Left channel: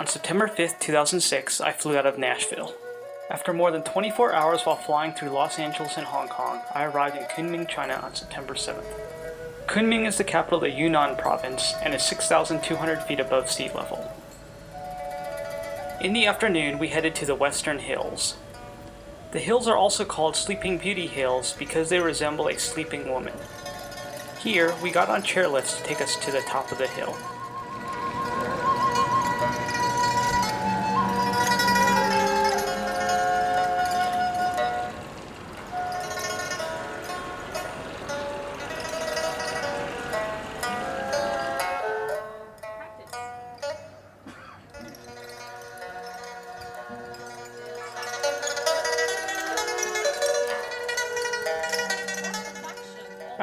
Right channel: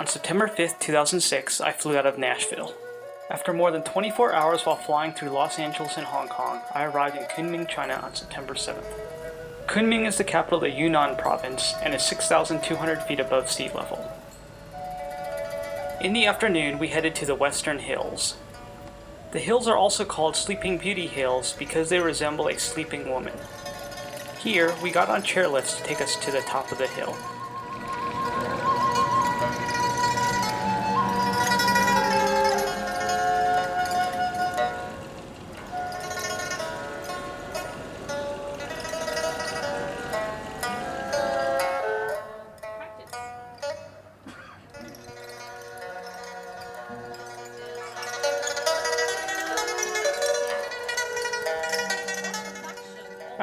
On September 5th, 2006, I flew out of Nashville. After more than 24 hours while flying through Los Angeles and Hong Kong, I arrived in Kunming, China on September 7th. Kunming is the capital of the Yunnan province and is 6,200 feet above sea level. In the afternoon, we headed to the Western Hills. The hills are also called Sleeping Beauty Hills because they resemble a sleeping woman. Here, we got on chairlifts to take us to the top of the hill.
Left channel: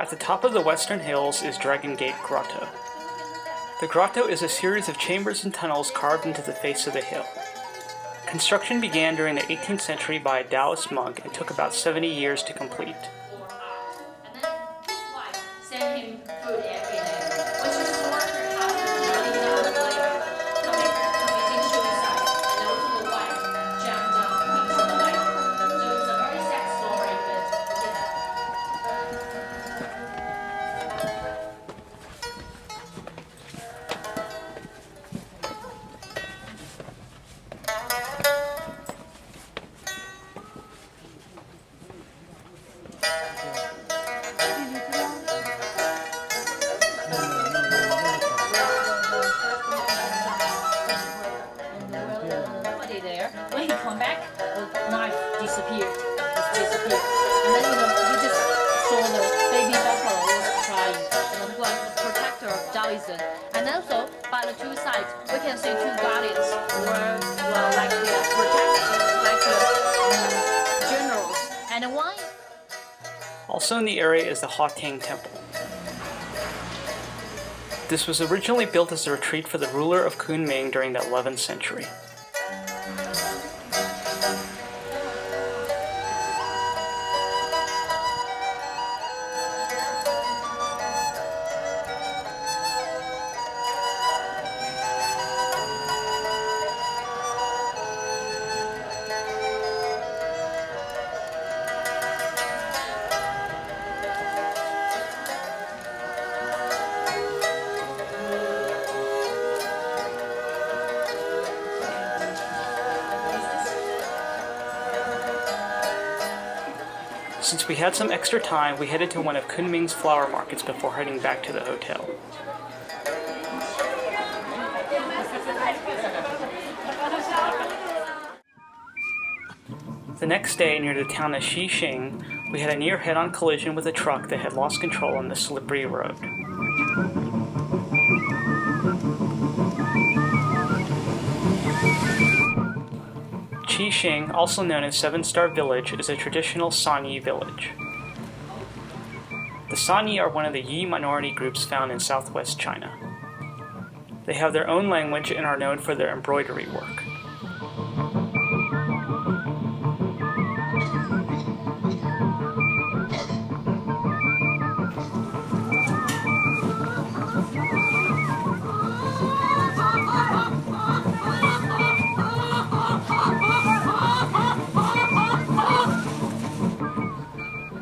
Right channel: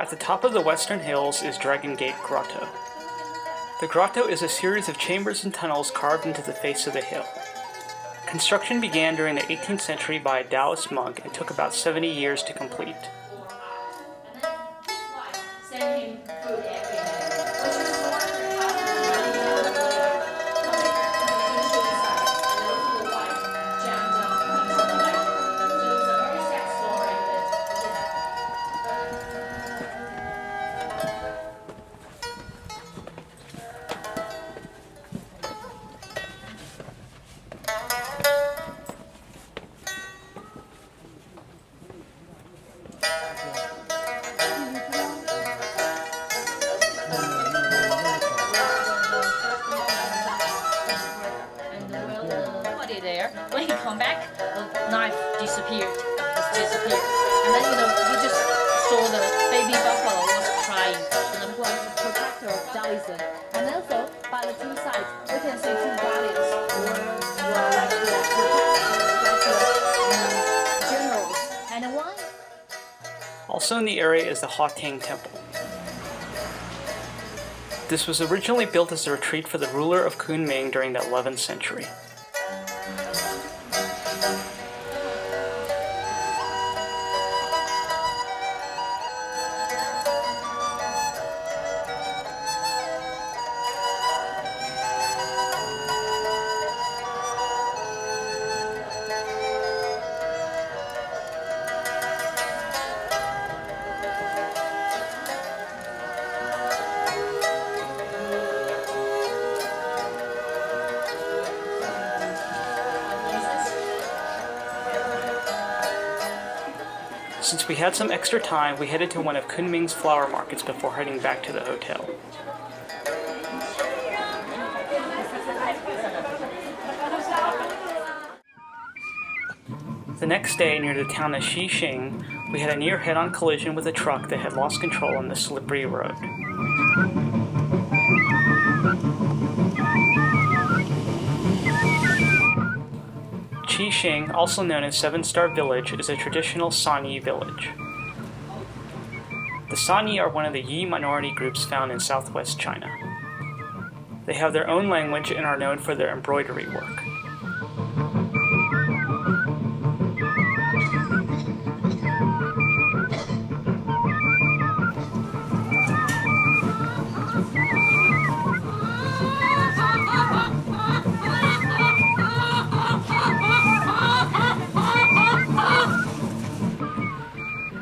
At the top of the Western Hills is Dragon Gate Grotto. The grotto is a series of chambers and tunnels carved into the face of the hill. Construction began during the 18th century by a Taoist monk and took about 70 years to complete. When he come back, the knife disappeared. It's disappeared. And then we just saw the baby buffalo was crying. And who was the protector of Taoism. And also by the two sides, we can see two guardians were like the generals. And one. Also in the area is the Hawtang Temple. This was originally built as a retreat for the ruler of Kunming during the 11th century. Since we had some extra time, we headed to one of Kunming's flower markets before heading back to the hotel. The next day, near the town of Xixing, we had a near head-on collision with a truck that had lost control on the slippery road. Xixing, also known as Seven Star Village, is a traditional Sanyi village. The Sanyi are one of the Yi minority groups found in southwest China. They have their own language and are known for their embroidery work.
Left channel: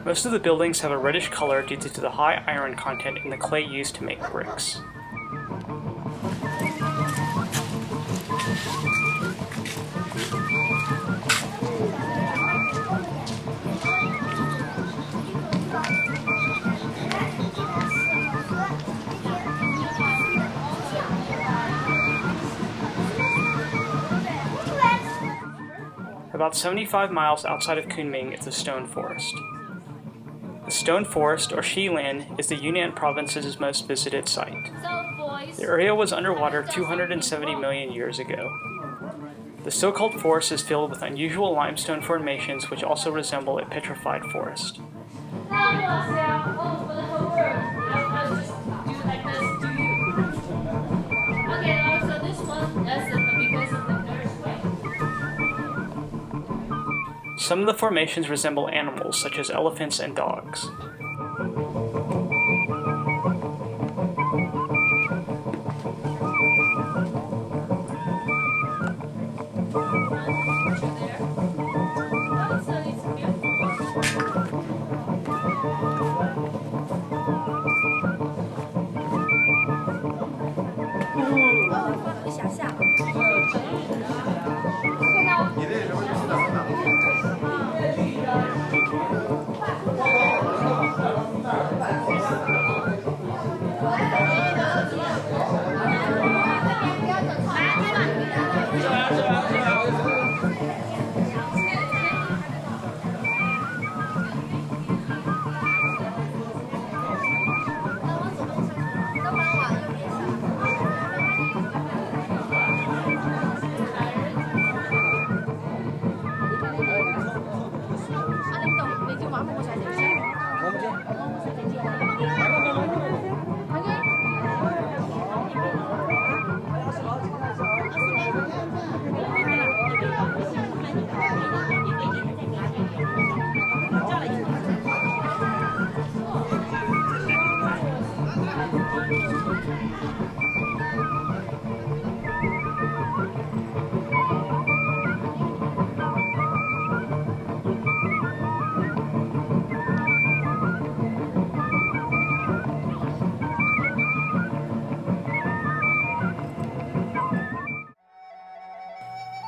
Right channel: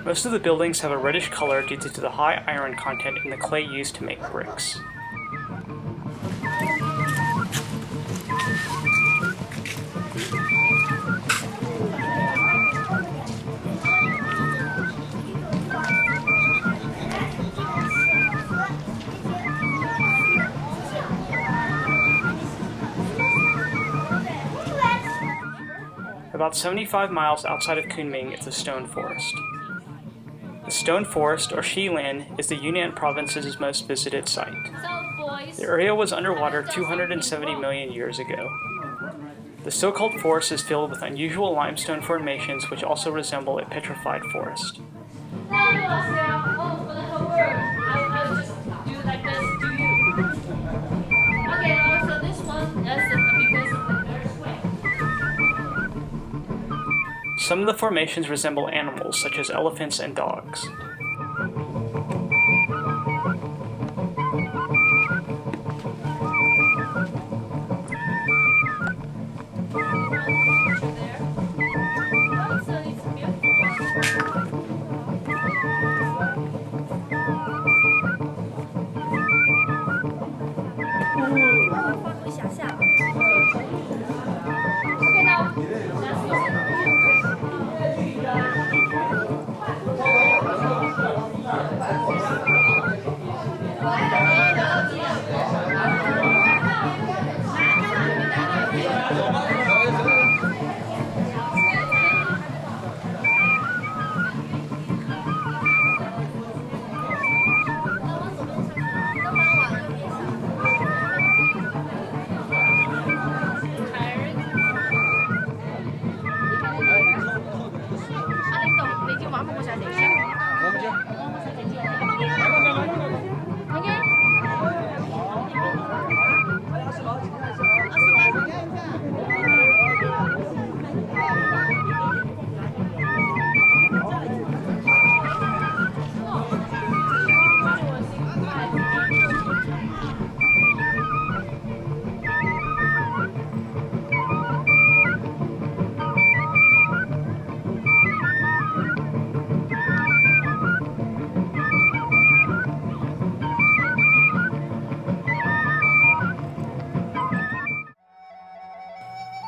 Most of the buildings have a reddish color due to the high iron content in the clay used to make bricks. About 75 miles outside of Kunming is the Stone Forest. The Stone Forest, or Xilan, is the Yunnan province's most visited site. The area was underwater 270 million years ago. The so-called forest is filled with unusual limestone formations which also resemble a petrified forest. Some of the formations resemble animals, such as elephants and dogs.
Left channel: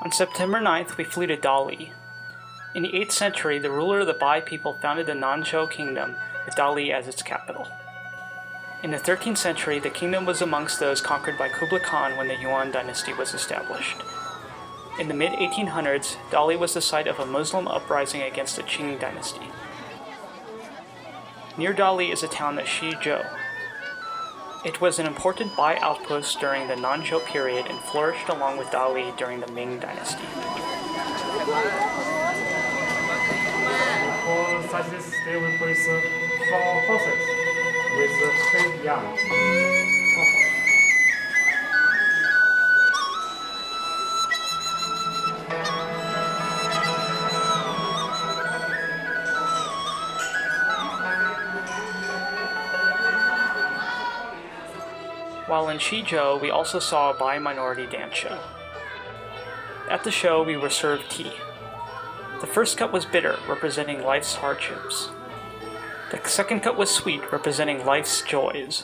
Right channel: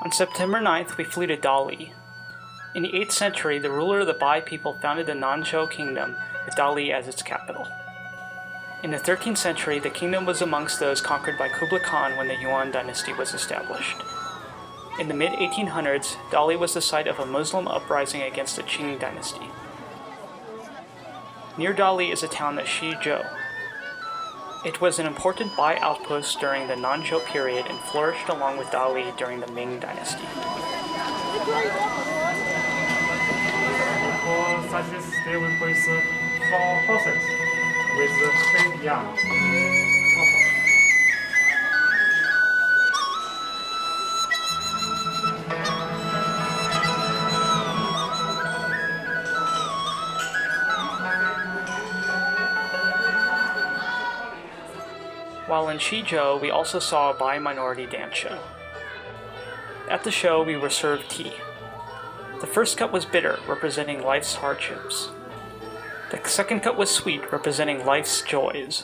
On September 9th, we flew to Dali. In the 8th century, the ruler of the Bai people founded the Nanzhou kingdom with Dali as its capital. In the 13th century, the kingdom was amongst those conquered by Kublai Khan when the Yuan dynasty was established. In the mid-1800s, Dali was the site of a Muslim uprising against the Qing dynasty. Near Dali is a town of Xizhou. It was an important Bai outpost during the Nanzhou period and flourished along with Dali during the Ming dynasty. For such a stay with 4 horses with 8 young. While in Xizhou, we also saw a Bai minority dance show. At the show, we were served tea. The first cup was bitter, representing life's hardships. The second cup was sweet, representing life's joys.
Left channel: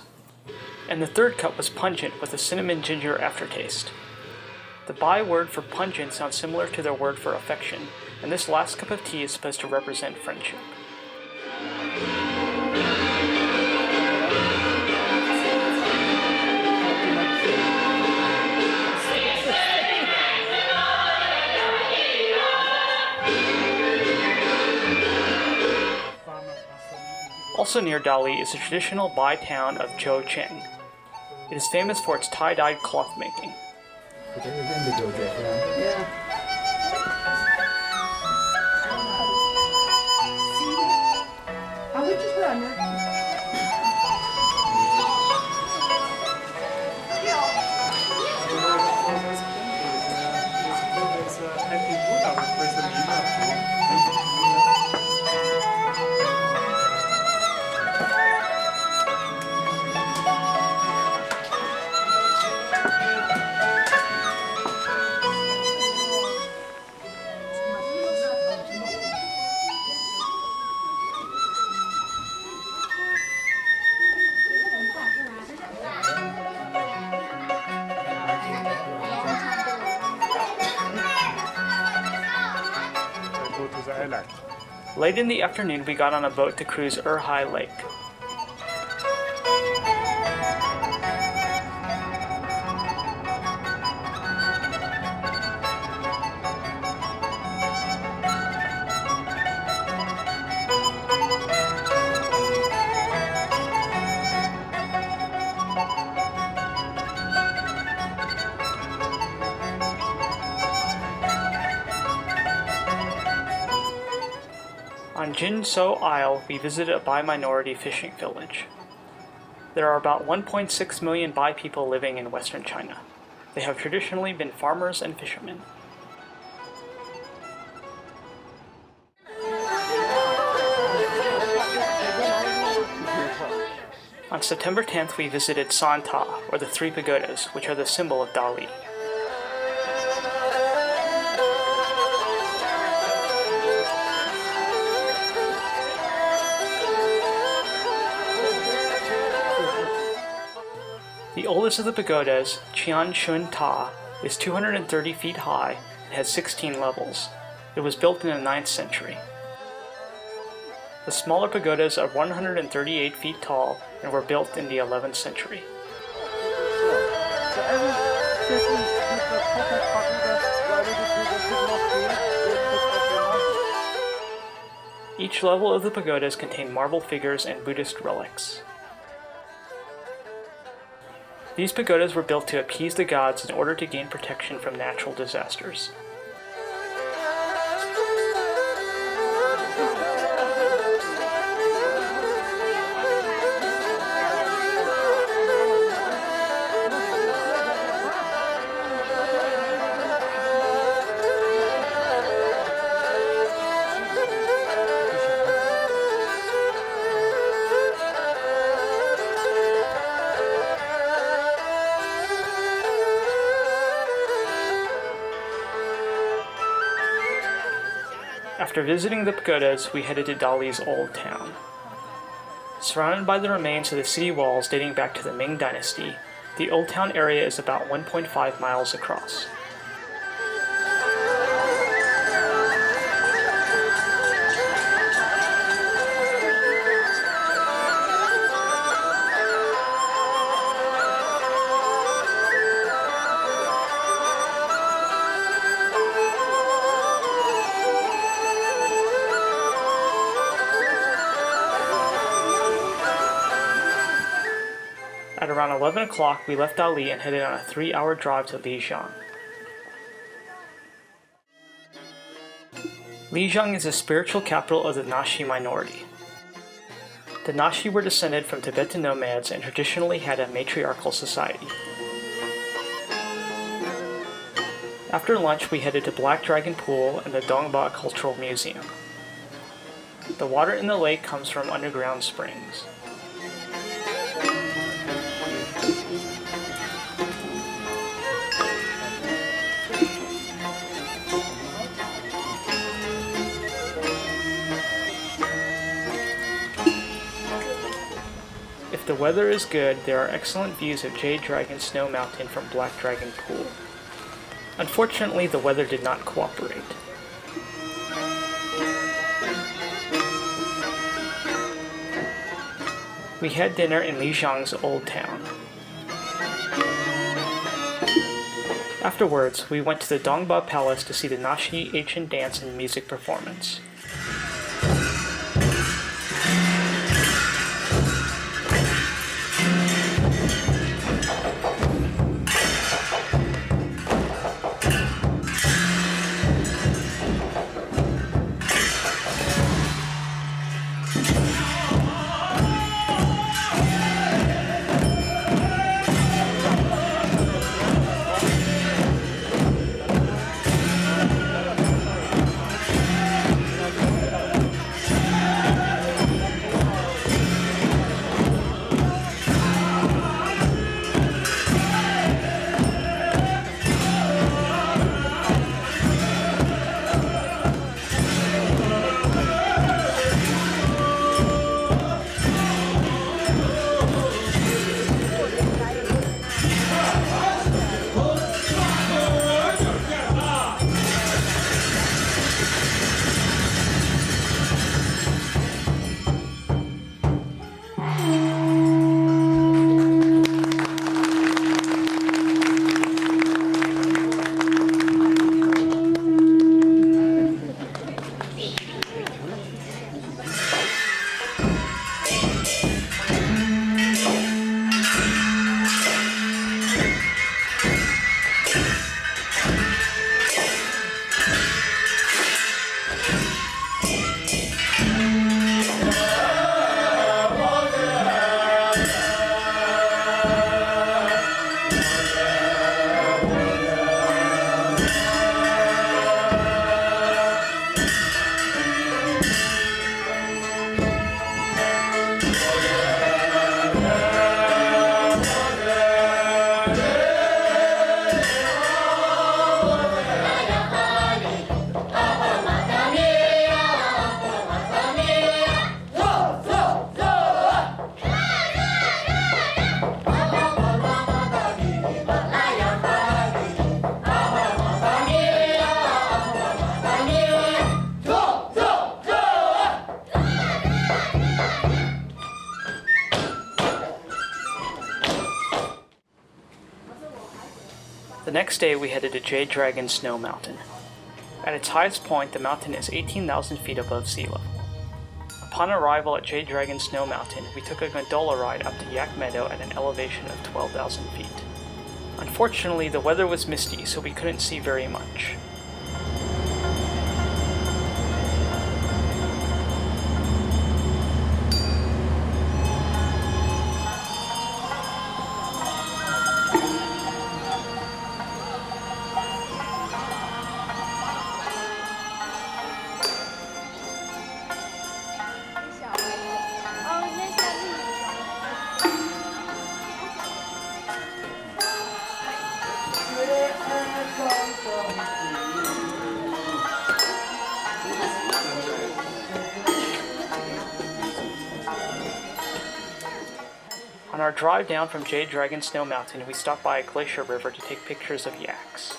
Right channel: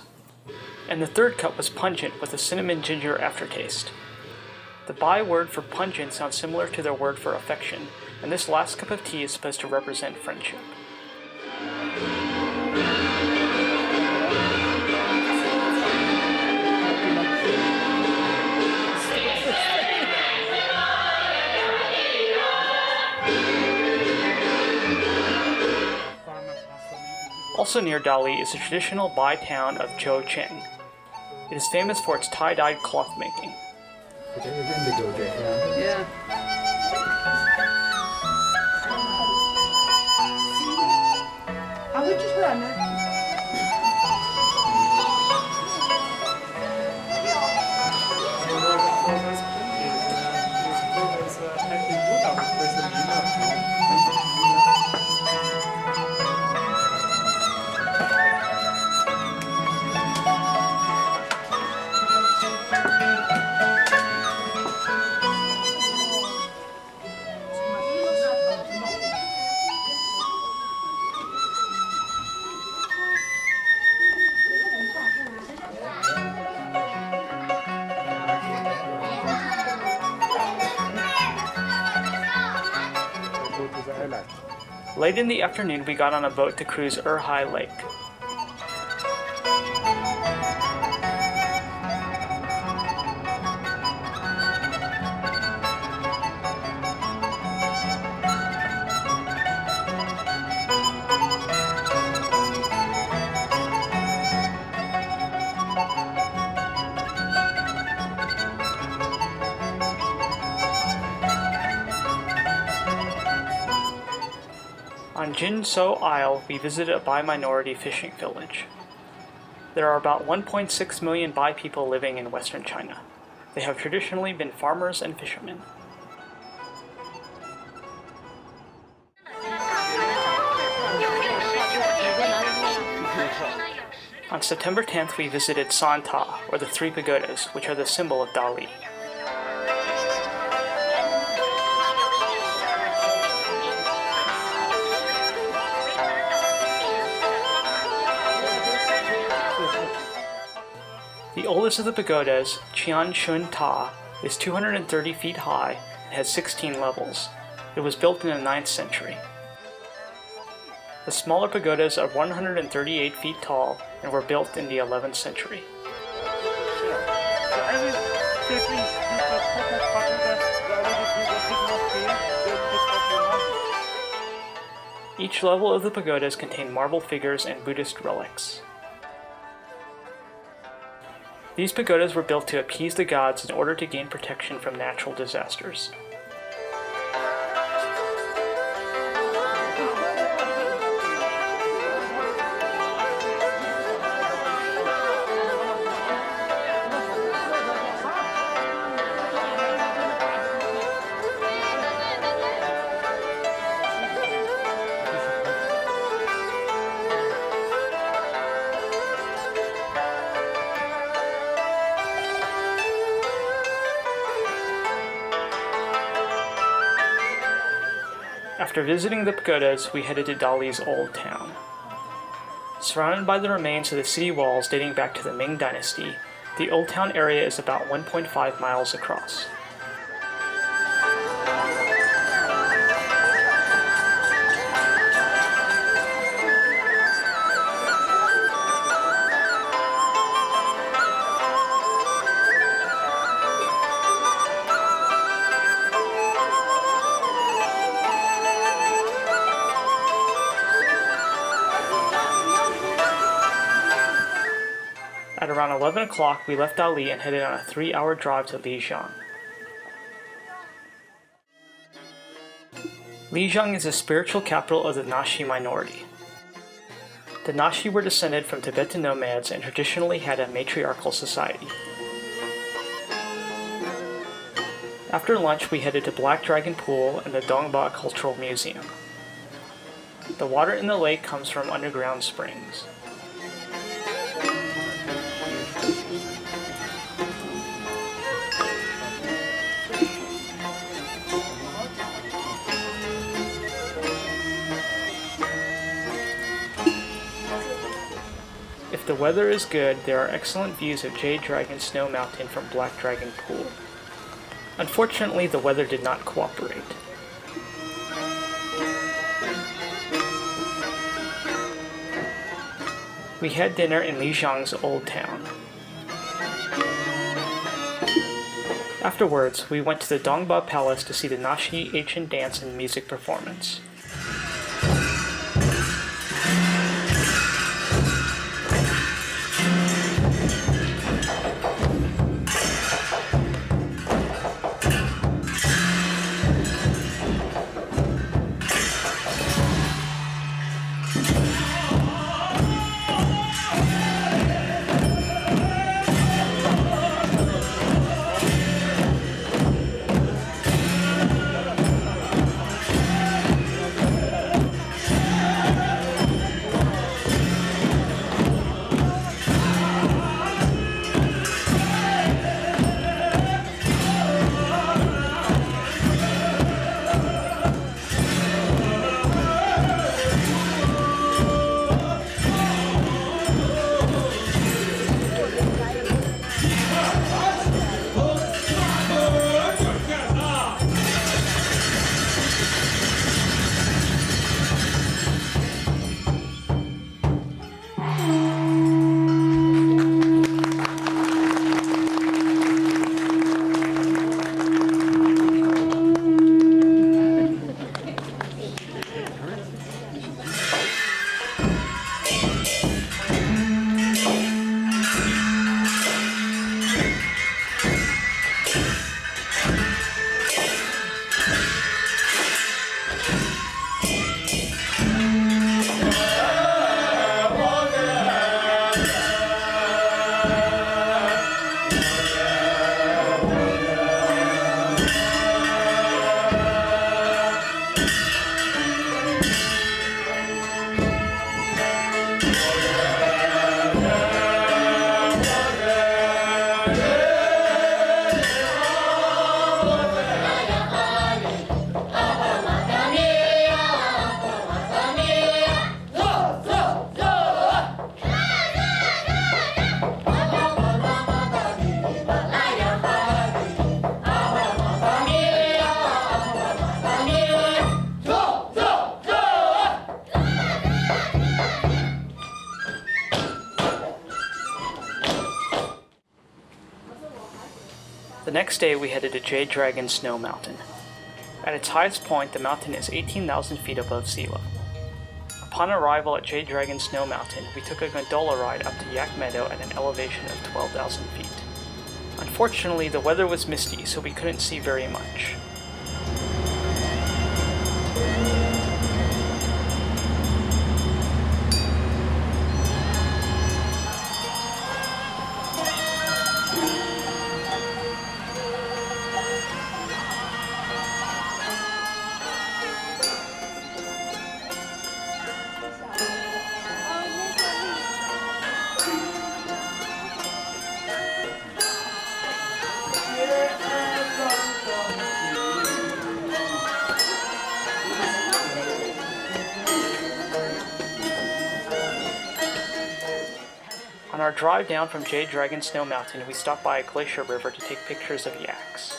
And the third cup was pungent, with a cinnamon ginger aftertaste. The Bai word for pungent sounds similar to their word for affection, and this last cup of tea is supposed to represent friendship. Also near Dali is the traditional Bai town of Zhoucheng. It is famous for its tie-dyed cloth making. Late in the afternoon, we got on a boat to cruise Erhai Lake. On Jinsou Isle, we visited a Bai minority fishing village. There are about 1.6 million Bai people living in western China. They have traditionally been farmers and fishermen. On September 10th, we visited San Ta, or the Three Pagodas, which are the symbol of Dali. The oldest of the pagodas, Qian Shun Ta, is 230 feet high and has 16 levels. It was built in the 9th century. The smaller pagodas are 138 feet tall and were built in the 11th century. Each level of the pagodas contain marble figures and Buddhist relics. These pagodas were built to appease the gods in order to gain protection from natural disasters. After visiting the pagodas, we headed to Dali's Old Town. Surrounded by the remains of the city walls dating back to the Ming Dynasty, the Old Town area is about 1.5 miles across. At around 11 o'clock, we left Dali and headed on a 3-hour drive to Lijiang. Lijiang is the spiritual capital of the Naxi minority. The Naxi were descended from Tibetan nomads and traditionally had a matriarchal society. After lunch, we headed to Black Dragon Pool and the Dongba Cultural Museum. The water in the lake comes from underground springs. If the weather is good, there are excellent views of Jade Dragon Snow Mountain from Black Dragon Pool. Unfortunately, the weather did not cooperate. We had dinner in Lijiang's Old Town. Afterwards, we went to the Dongba Palace to see the Naxi ancient dance and music performance. The next day we headed to Jade Dragon Snow Mountain. At its highest point, the mountain is 18,000 feet above sea level. Upon arrival at Jade Dragon Snow Mountain, we took a gondola ride up to Yak Meadow at an elevation of 12,000 feet. Unfortunately, the weather was misty, so we couldn't see very much. On our drive down from Jade Dragon Snow Mountain, we stopped by a glacier river to take pictures of yaks.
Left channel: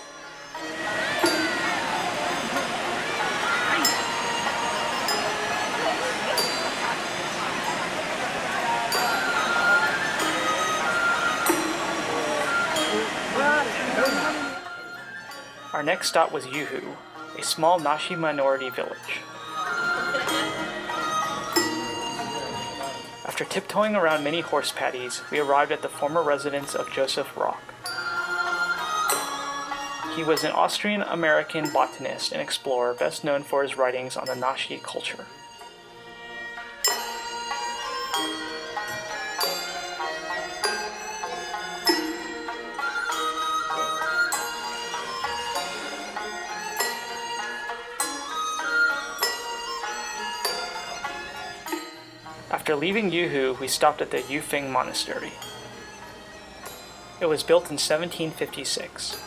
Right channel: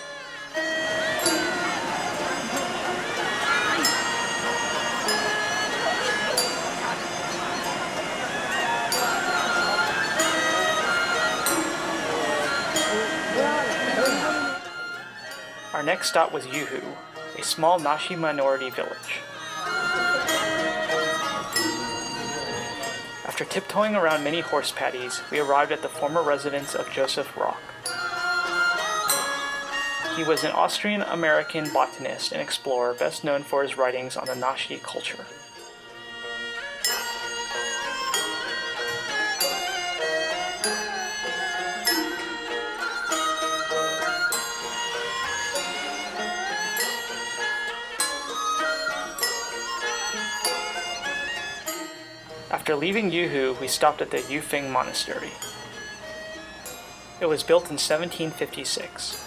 Our next stop was Yuhu, a small Nashi minority village. After tiptoeing around many horse paddies, we arrived at the former residence of Joseph Rock. He was an Austrian-American botanist and explorer best known for his writings on the Nashi culture. After leaving Yuhu, we stopped at the Yufeng Monastery. It was built in 1756.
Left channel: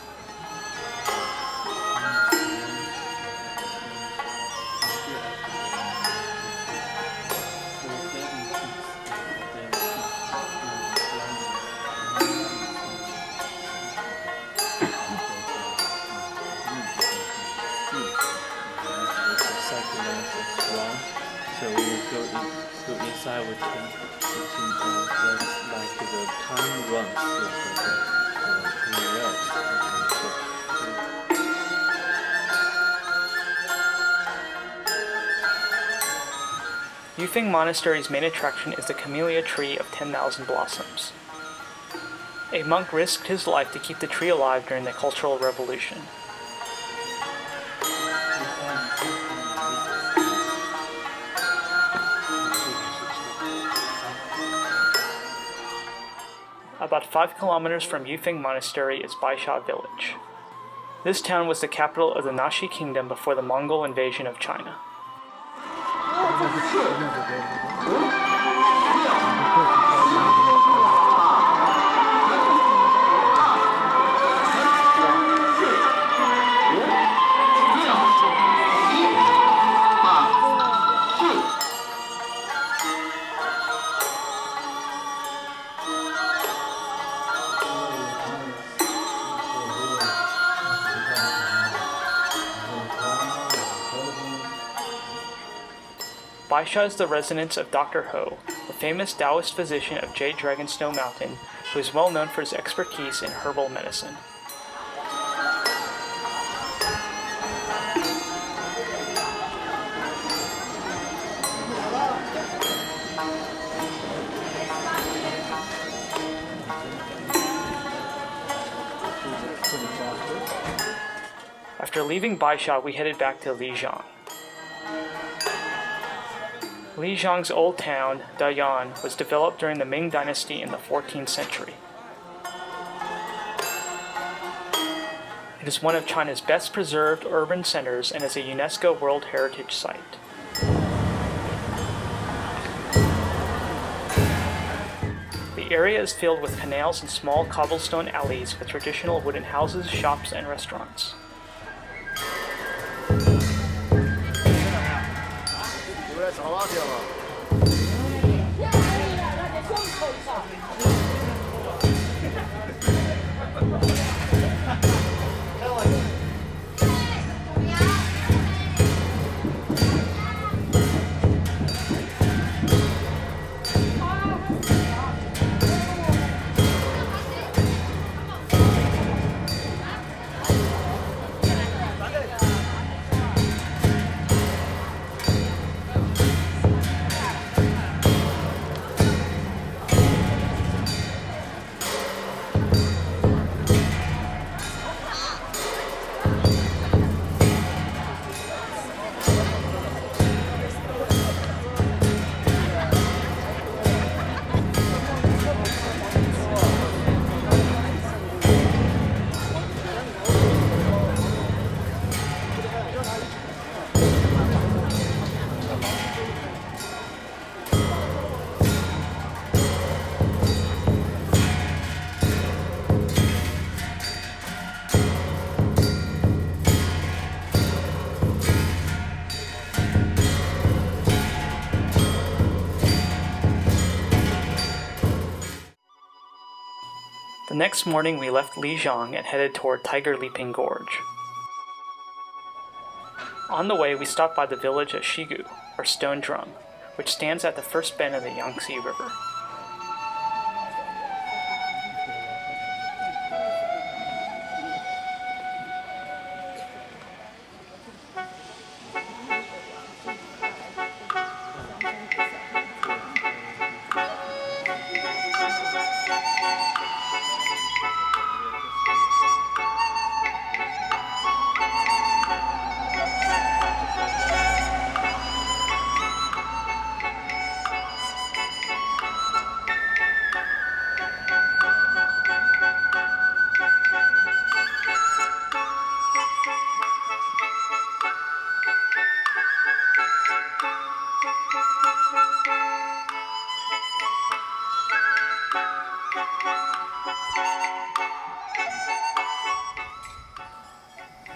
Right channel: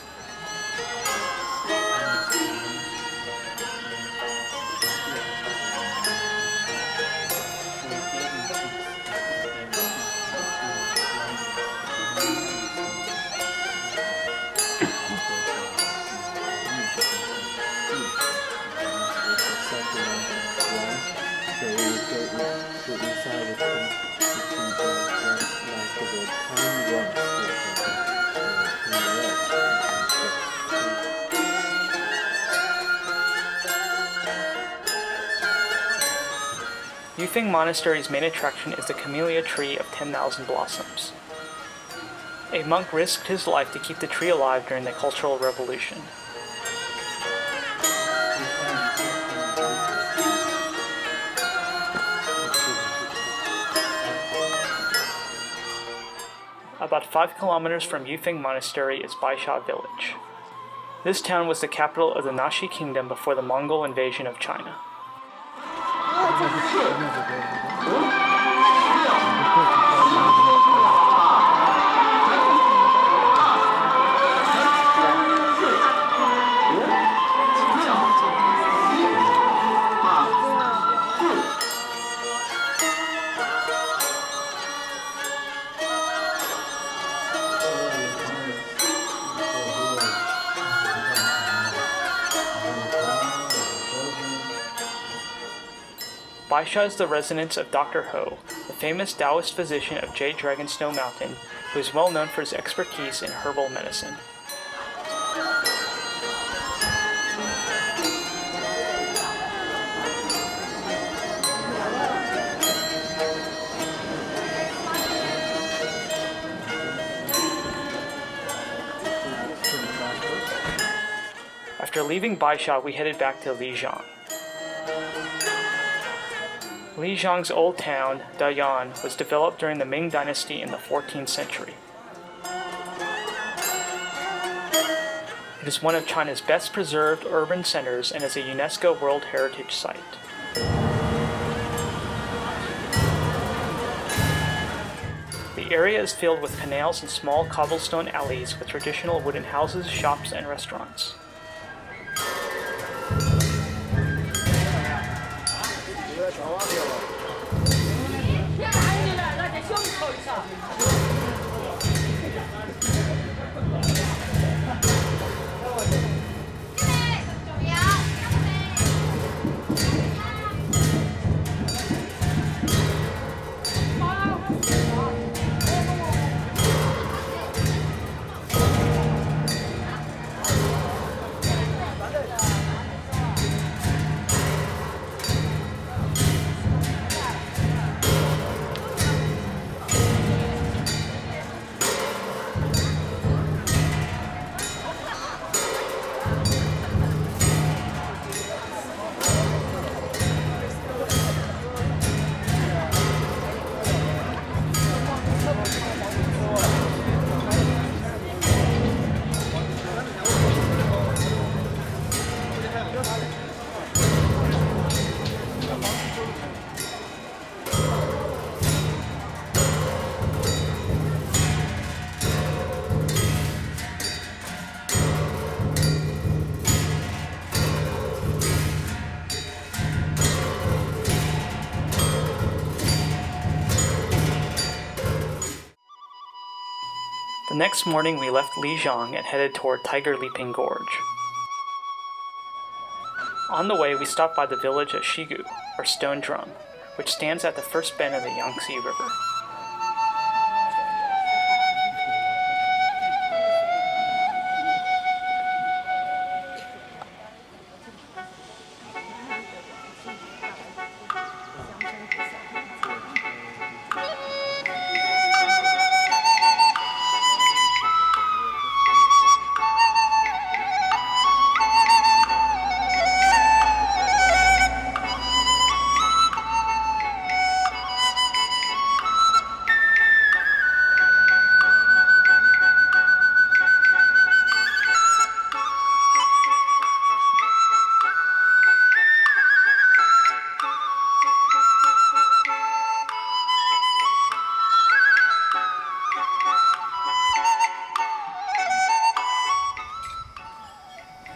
So we will go inside with the like the time runs Yufeng Monastery's main attraction is the Camellia Tree of 10,000 blossoms. A monk risked his life to keep the tree alive during the Cultural Revolution. About 5 kilometers from Yufeng Monastery is Baisha village. This town was the capital of the Nashi kingdom before the Mongol invasion of China. Baisha is the residence of Dr. Ho, the famous Taoist physician of Jade Dragon Snow Mountain, who is well known for his expertise in herbal medicine. After leaving Baisha, we headed back to Lijiang. Lijiang's old town, Dayuan, was developed during the Ming Dynasty in the 14th century. It is one of China's best preserved urban centers and is a UNESCO World Heritage Site. The area is filled with canals and small cobblestone alleys with traditional wooden houses, shops, and restaurants. The next morning we left Lijiang and headed toward Tiger Leaping Gorge. On the way we stopped by the village of Shigu, or Stone Drum, which stands at the first bend of the Yangtze River.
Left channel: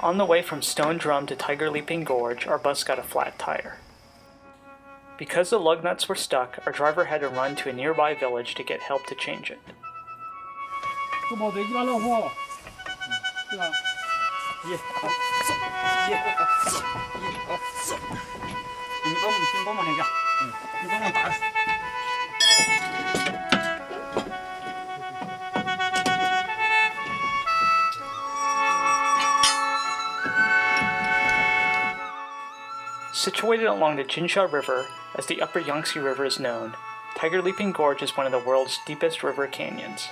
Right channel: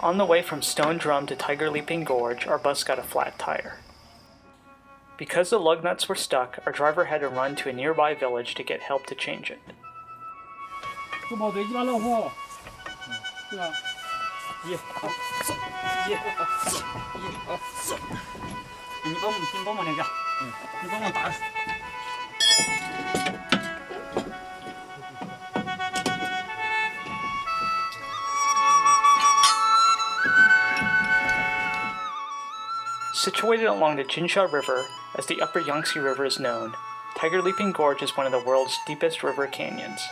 On the way from Stone Drum to Tiger Leaping Gorge, our bus got a flat tire. Because the lug nuts were stuck, our driver had to run to a nearby village to get help to change it. 不毛对，一把老虎，对吧？你帮忙那个，你帮忙打。Situated along the Jinsha River, as the upper Yangtze River is known, Tiger Leaping Gorge is one of the world's deepest river canyons.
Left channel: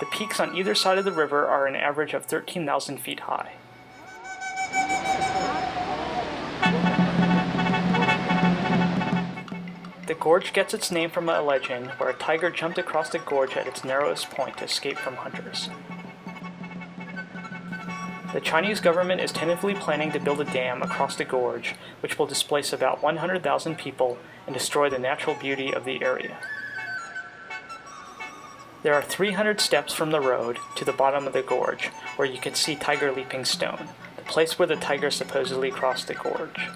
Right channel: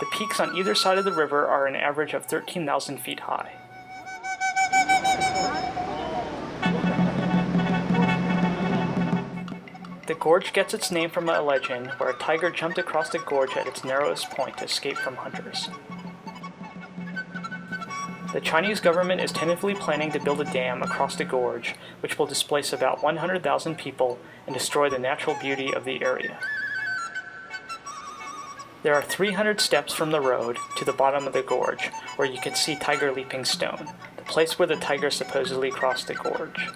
The peaks on either side of the river are an average of 13,000 feet high. The gorge gets its name from a legend where a tiger jumped across the gorge at its narrowest point to escape from hunters. The Chinese government is tentatively planning to build a dam across the gorge, which will displace about 100,000 people and destroy the natural beauty of the area. There are 300 steps from the road to the bottom of the gorge, where you can see Tiger Leaping Stone, the place where the tiger supposedly crossed the gorge.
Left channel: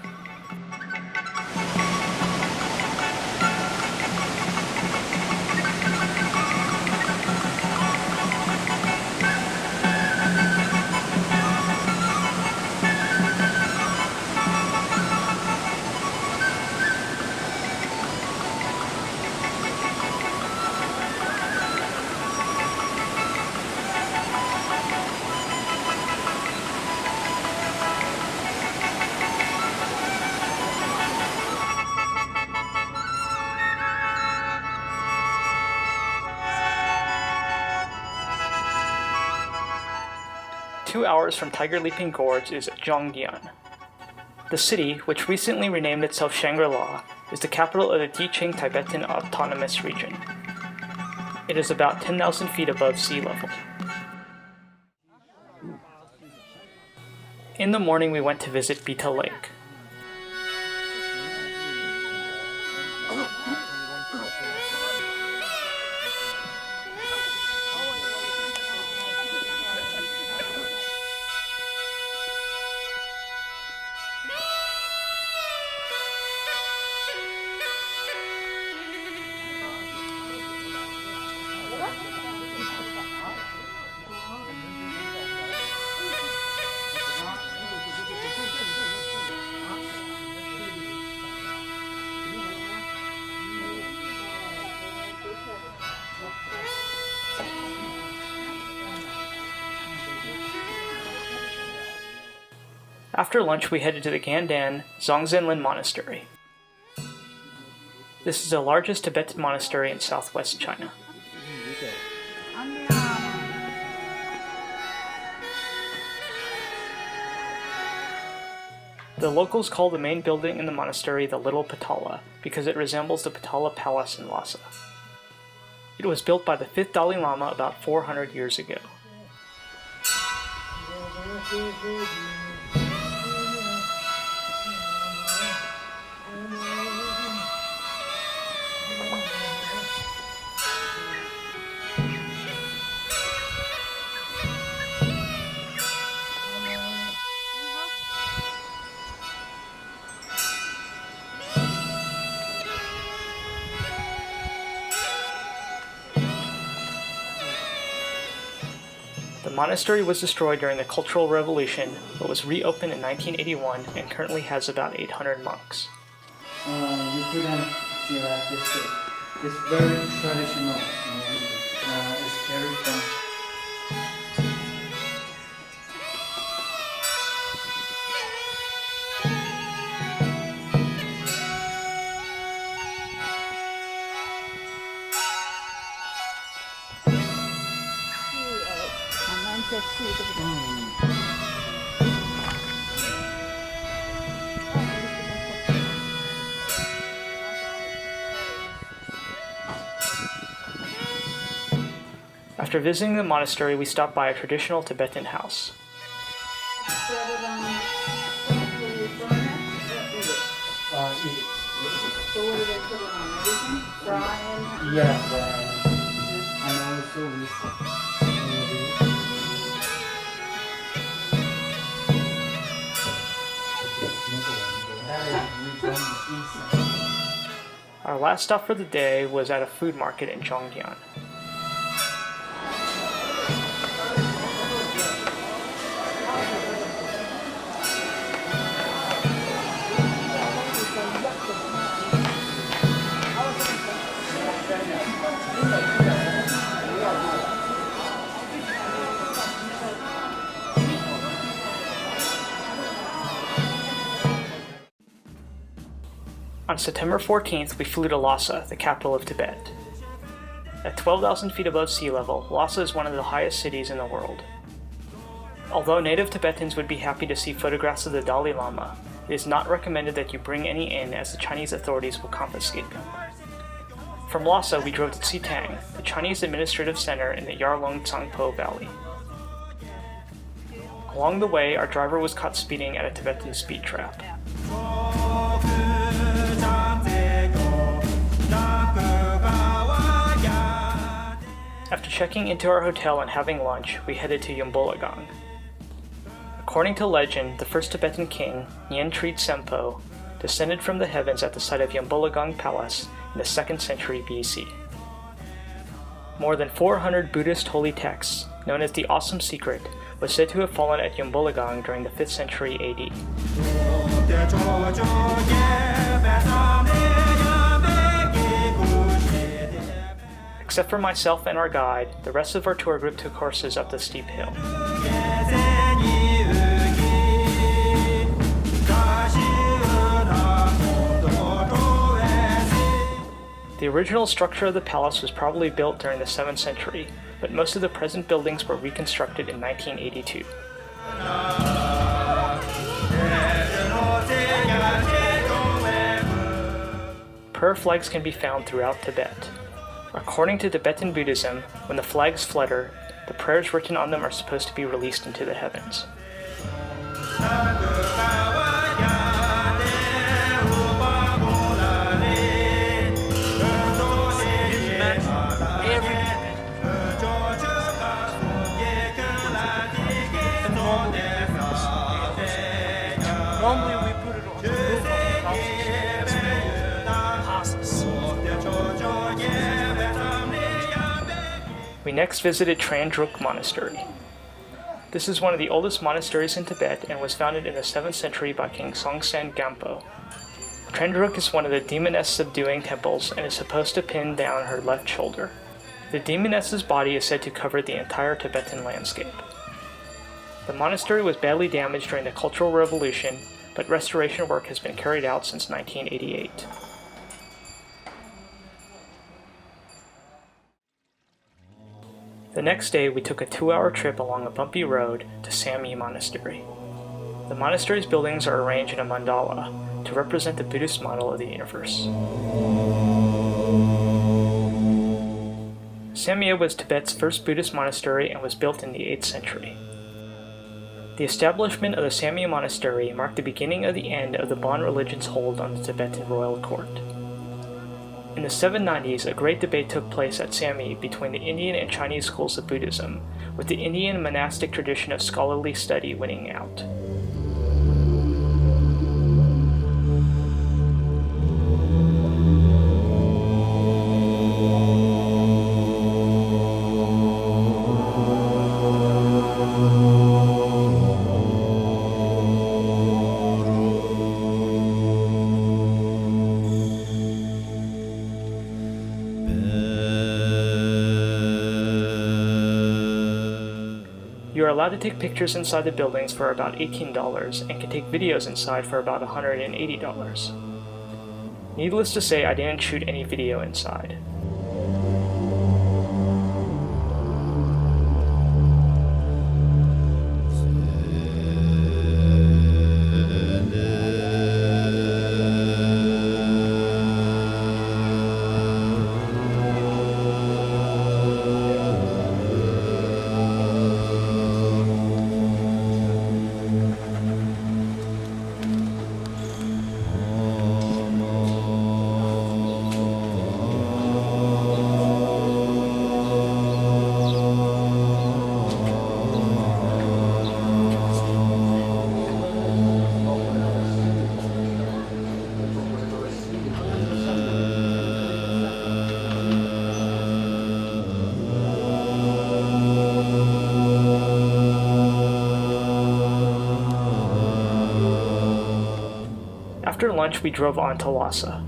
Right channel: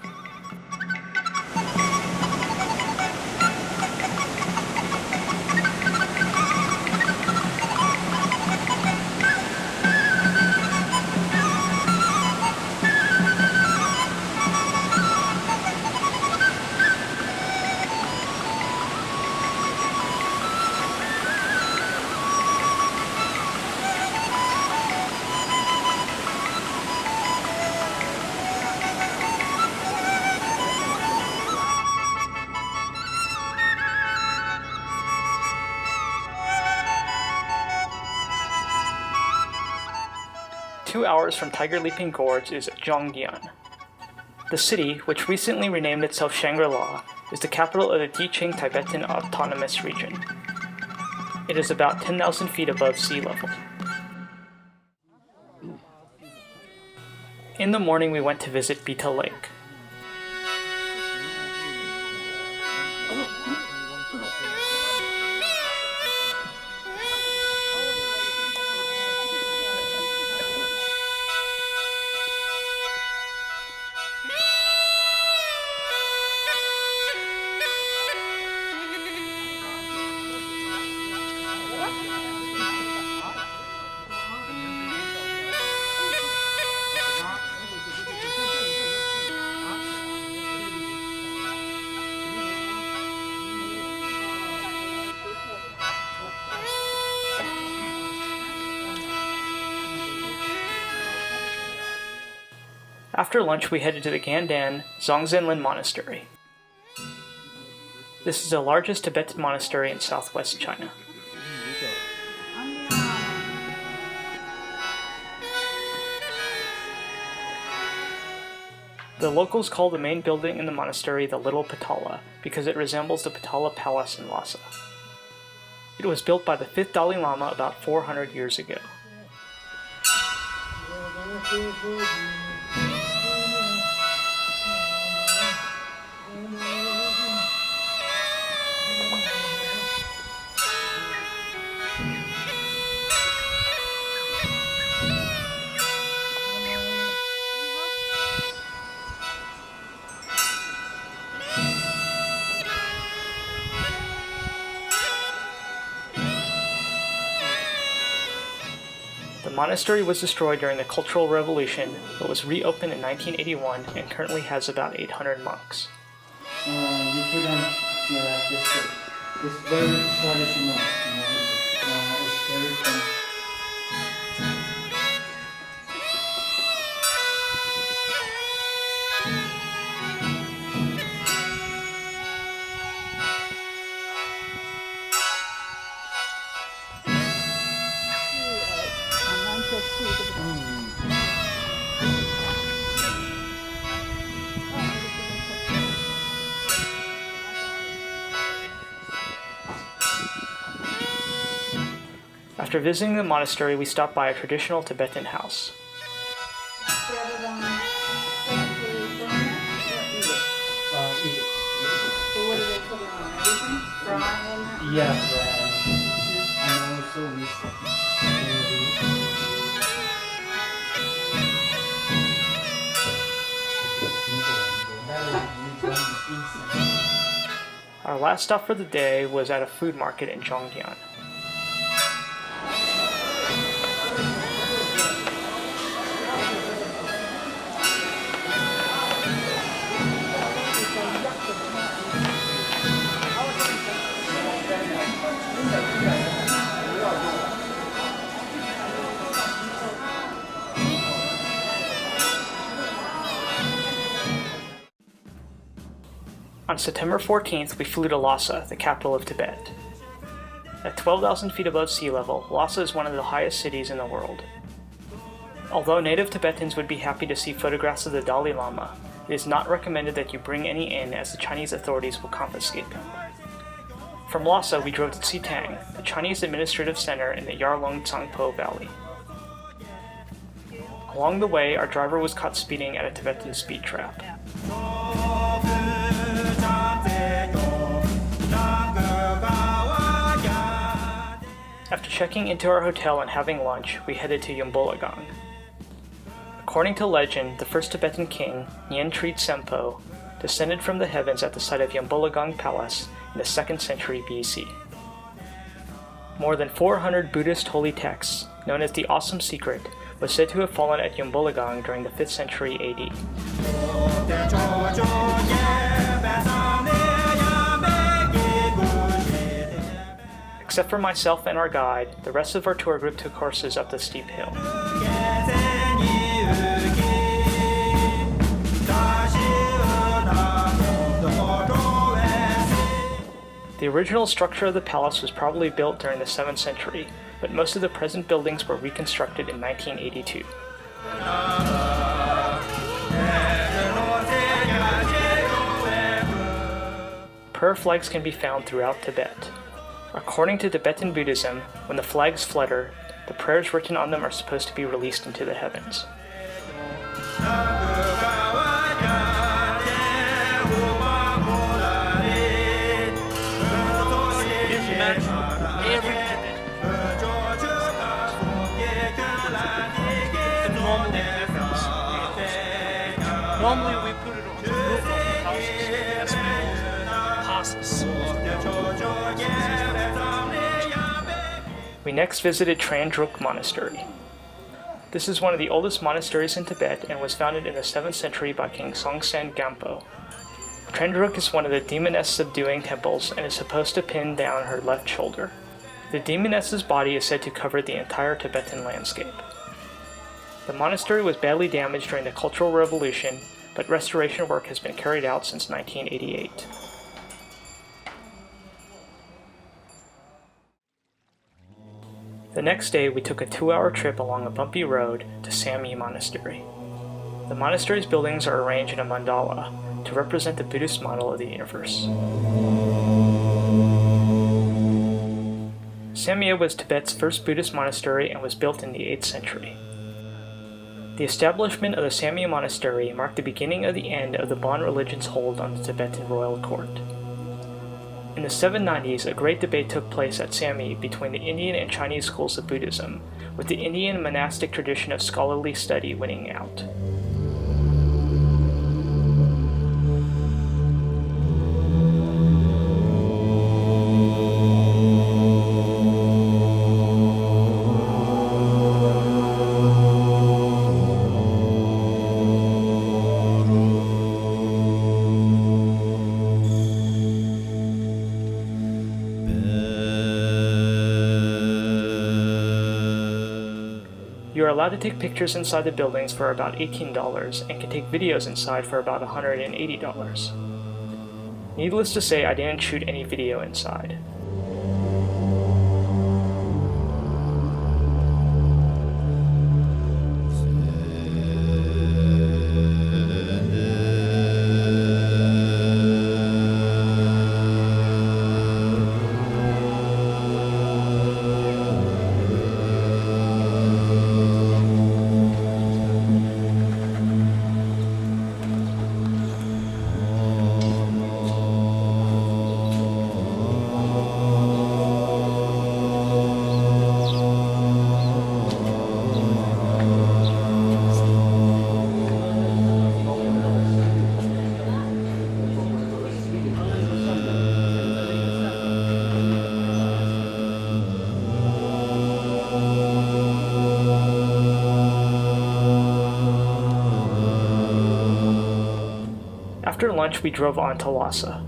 Two hours from Tiger Leaping Gorge is Zhongyan. The city, which recently renamed itself Shangri-La, is the capital of the Diqing Tibetan Autonomous Region. It is about 10,000 feet above sea level. In the morning we went to visit Bita Lake. After lunch, we headed to the Gandan Zongzhenlin Monastery. This is the largest Tibetan monastery in southwest China. The locals call the main building in the monastery the Little Potala because it resembles the Potala Palace in Lhasa. It was built by the 5th Dalai Lama about 400 years ago. monastery was destroyed during the Cultural Revolution, but was reopened in 1981 and currently has about 800 monks. You couldn't see like this. It's very traditional. It's very fun. After visiting the monastery, we stopped by a traditional Tibetan house. Yeah, and also with Our last stop for the day was at a food market in Zhongyan. On September 14th, we flew to Lhasa, the capital of Tibet. At 12,000 feet above sea level, Lhasa is one of the highest cities in the world. Although native Tibetans would be happy to see photographs of the Dalai Lama, it is not recommended that you bring any in, as the Chinese authorities will confiscate them. From Lhasa, we drove to Xitang, the Chinese administrative center in the Yarlung Tsangpo Valley. Along the way, our driver was caught speeding at a Tibetan speed trap. After checking into our hotel and having lunch, we headed to Yambolagang. According to legend, the first Tibetan king, Nyen Trid Sempo, descended from the heavens at the site of Yambolagang Palace in the 2nd century BC. More than 400 Buddhist holy texts, known as the Awesome Secret, was said to have fallen at Yambolagang during the 5th century AD. Except for myself and our guide, the rest of our tour group took horses up the steep hill. The original structure of the palace was probably built during the 7th century, but most of the present buildings were reconstructed in 1982. Prayer flags can be found throughout Tibet. According to Tibetan Buddhism, when the flags flutter, the prayers written on them are supposed to be released into the heavens. Normally we put it on the roof of the houses as passes. We next visited Trandruk Monastery. This is one of the oldest monasteries in Tibet and was founded in the 7th century by King Songtsen Gampo. Trandruk is one of the demoness subduing temples and is supposed to pin down her left shoulder. The demoness's body is said to cover the entire Tibetan landscape. The monastery was badly damaged during the Cultural Revolution, but restoration work has been carried out since 1988. The next day, we took a 2-hour trip along a bumpy road to Samye Monastery. The monastery's buildings are arranged in a mandala to represent the Buddhist model of the universe. Samye was Tibet's first Buddhist monastery and was built in the 8th century. The establishment of the Samye Monastery marked the beginning of the end of the Bon religion's hold on the Tibetan royal court. In the 790s, a great debate took place at Samye between the Indian and Chinese schools of Buddhism, with the Indian monastic tradition of scholarly study winning out. You are allowed to take pictures inside the buildings for about $18 and can take videos inside for about $180. Needless to say, I didn't shoot any video inside. After lunch, we drove on to Lhasa.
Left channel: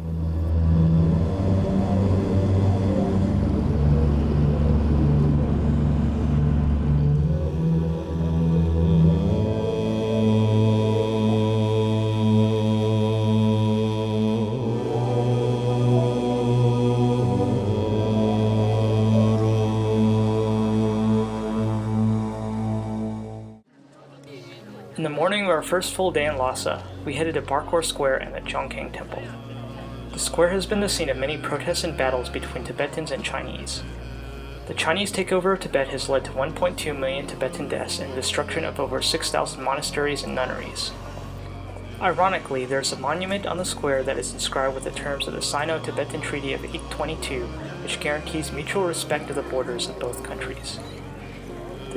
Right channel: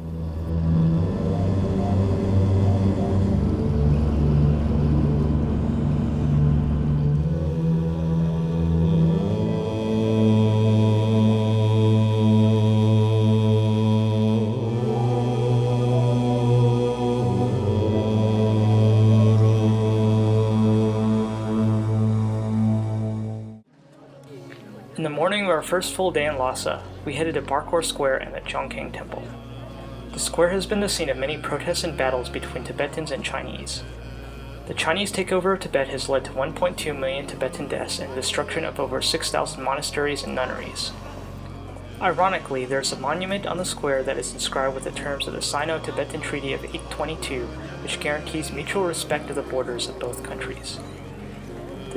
In the morning of our first full day in Lhasa, we headed to Barkor Square and the Zhongking Temple. The square has been the scene of many protests and battles between Tibetans and Chinese. The Chinese takeover of Tibet has led to 1.2 million Tibetan deaths and the destruction of over 6,000 monasteries and nunneries. Ironically, there is a monument on the square that is inscribed with the terms of the Sino-Tibetan Treaty of 822, which guarantees mutual respect of the borders of both countries.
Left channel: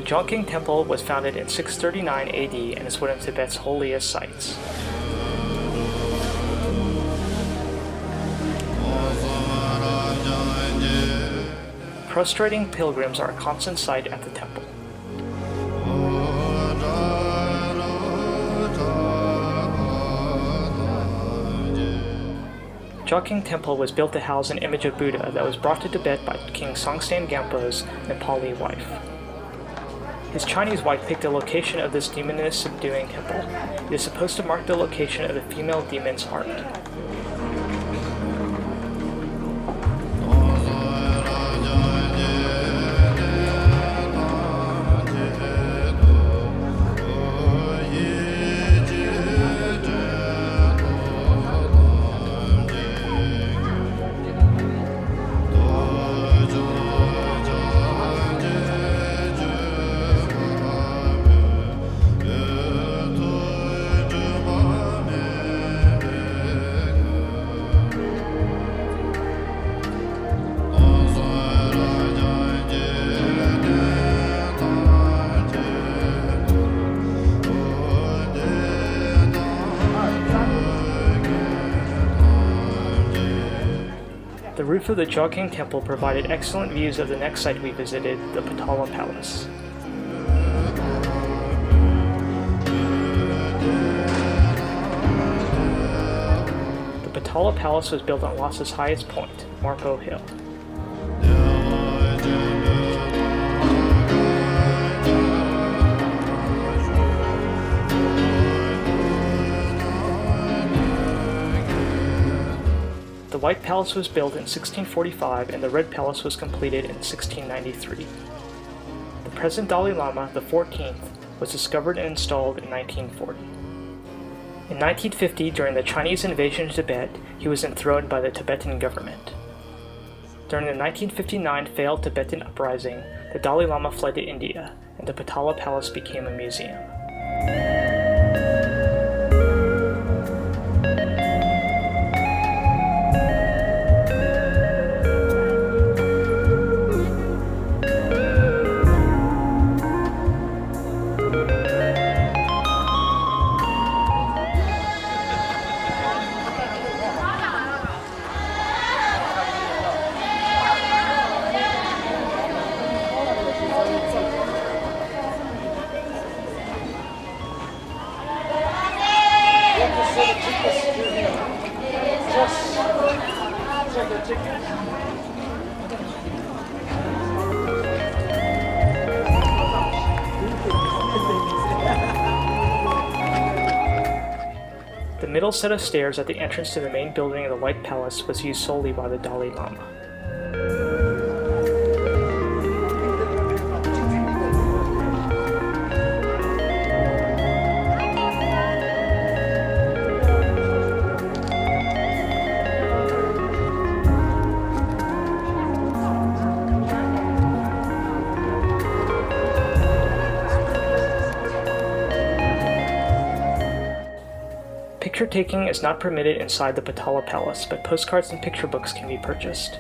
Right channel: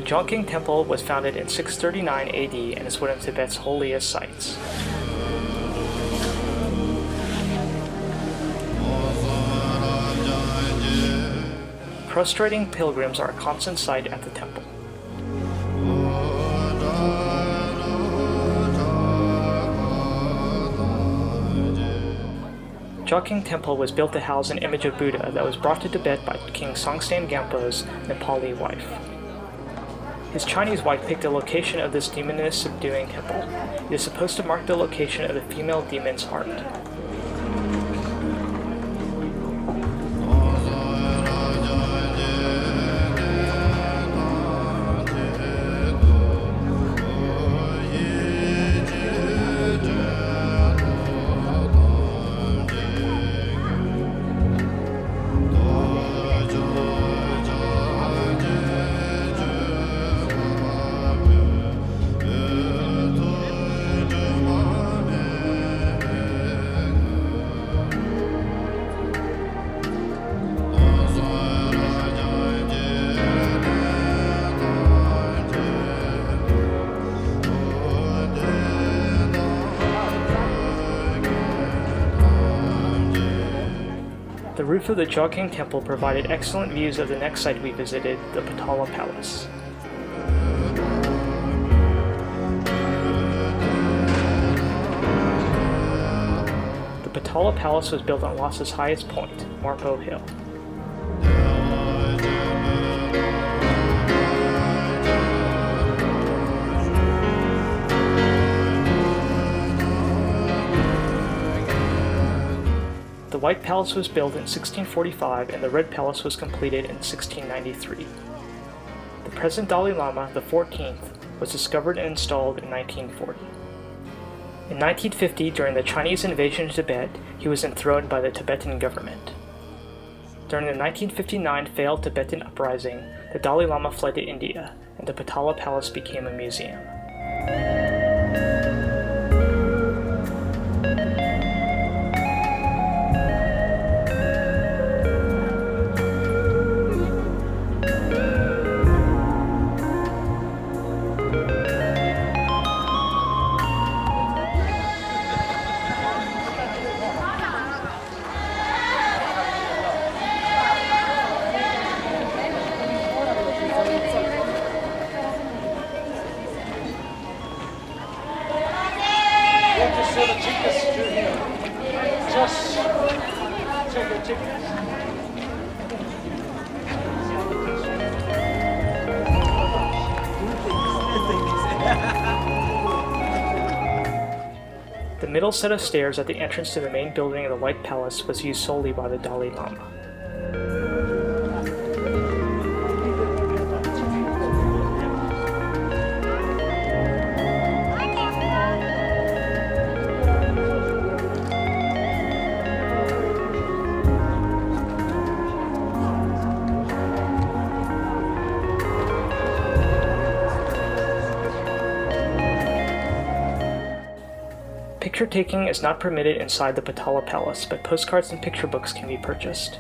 The Zhongking Temple was founded in 639 AD and is one of Tibet's holiest sites. Prostrating pilgrims are a constant sight at the temple. Zhongking Temple was built to house an image of Buddha that was brought to Tibet by King Songstan Gampo's Nepali wife. His Chinese wife picked the location of this demoness subduing temple. It is supposed to mark the location of the female demon's heart. The roof of the Zhongking Temple provided excellent views of the next site we visited, the Potala Palace. The Potala Palace was built on Lhasa's highest point, Marpo Hill. The White Palace was built in 1645 and the Red Palace was completed in 1693. The present Dalai Lama, the 14th, was discovered and installed in 1940. In 1950, during the Chinese invasion of Tibet, he was enthroned by the Tibetan government. During the 1959 failed Tibetan uprising, the Dalai Lama fled to India, and the Potala Palace became a museum. middle set of stairs at the entrance to the main building of the White Palace was used solely by the Dalai Lama. Picture taking is not permitted inside the Potala Palace, but postcards and picture books can be purchased.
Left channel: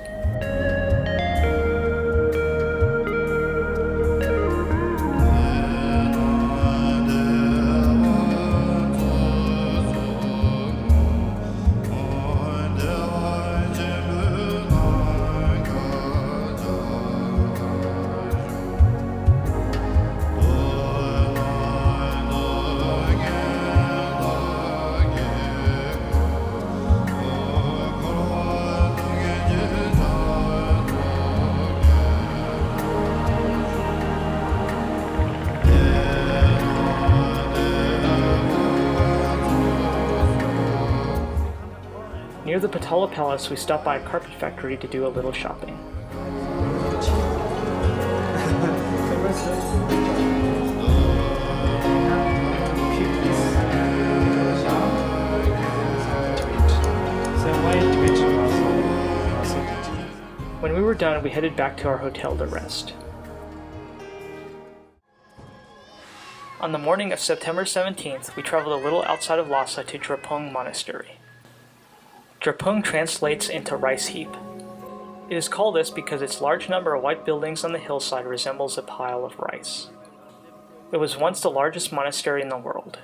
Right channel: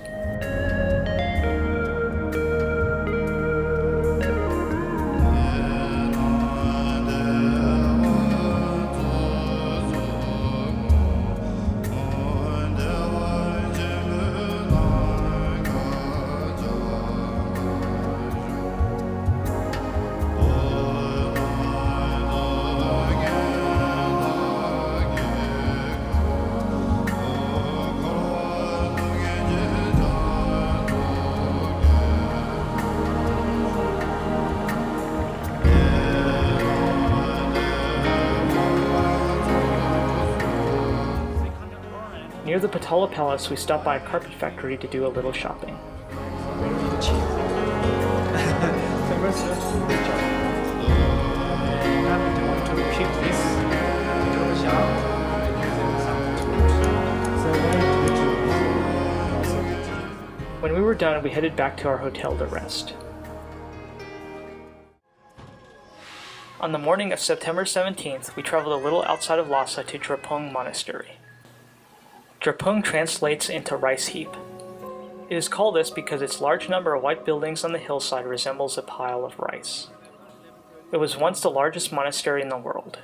Near the Potala Palace, we stopped by a carpet factory to do a little shopping. When we were done, we headed back to our hotel to rest. On the morning of September 17th, we traveled a little outside of Lhasa to Drepung Monastery. Drepung translates into rice heap. It is called this because its large number of white buildings on the hillside resembles a pile of rice. It was once the largest monastery in the world.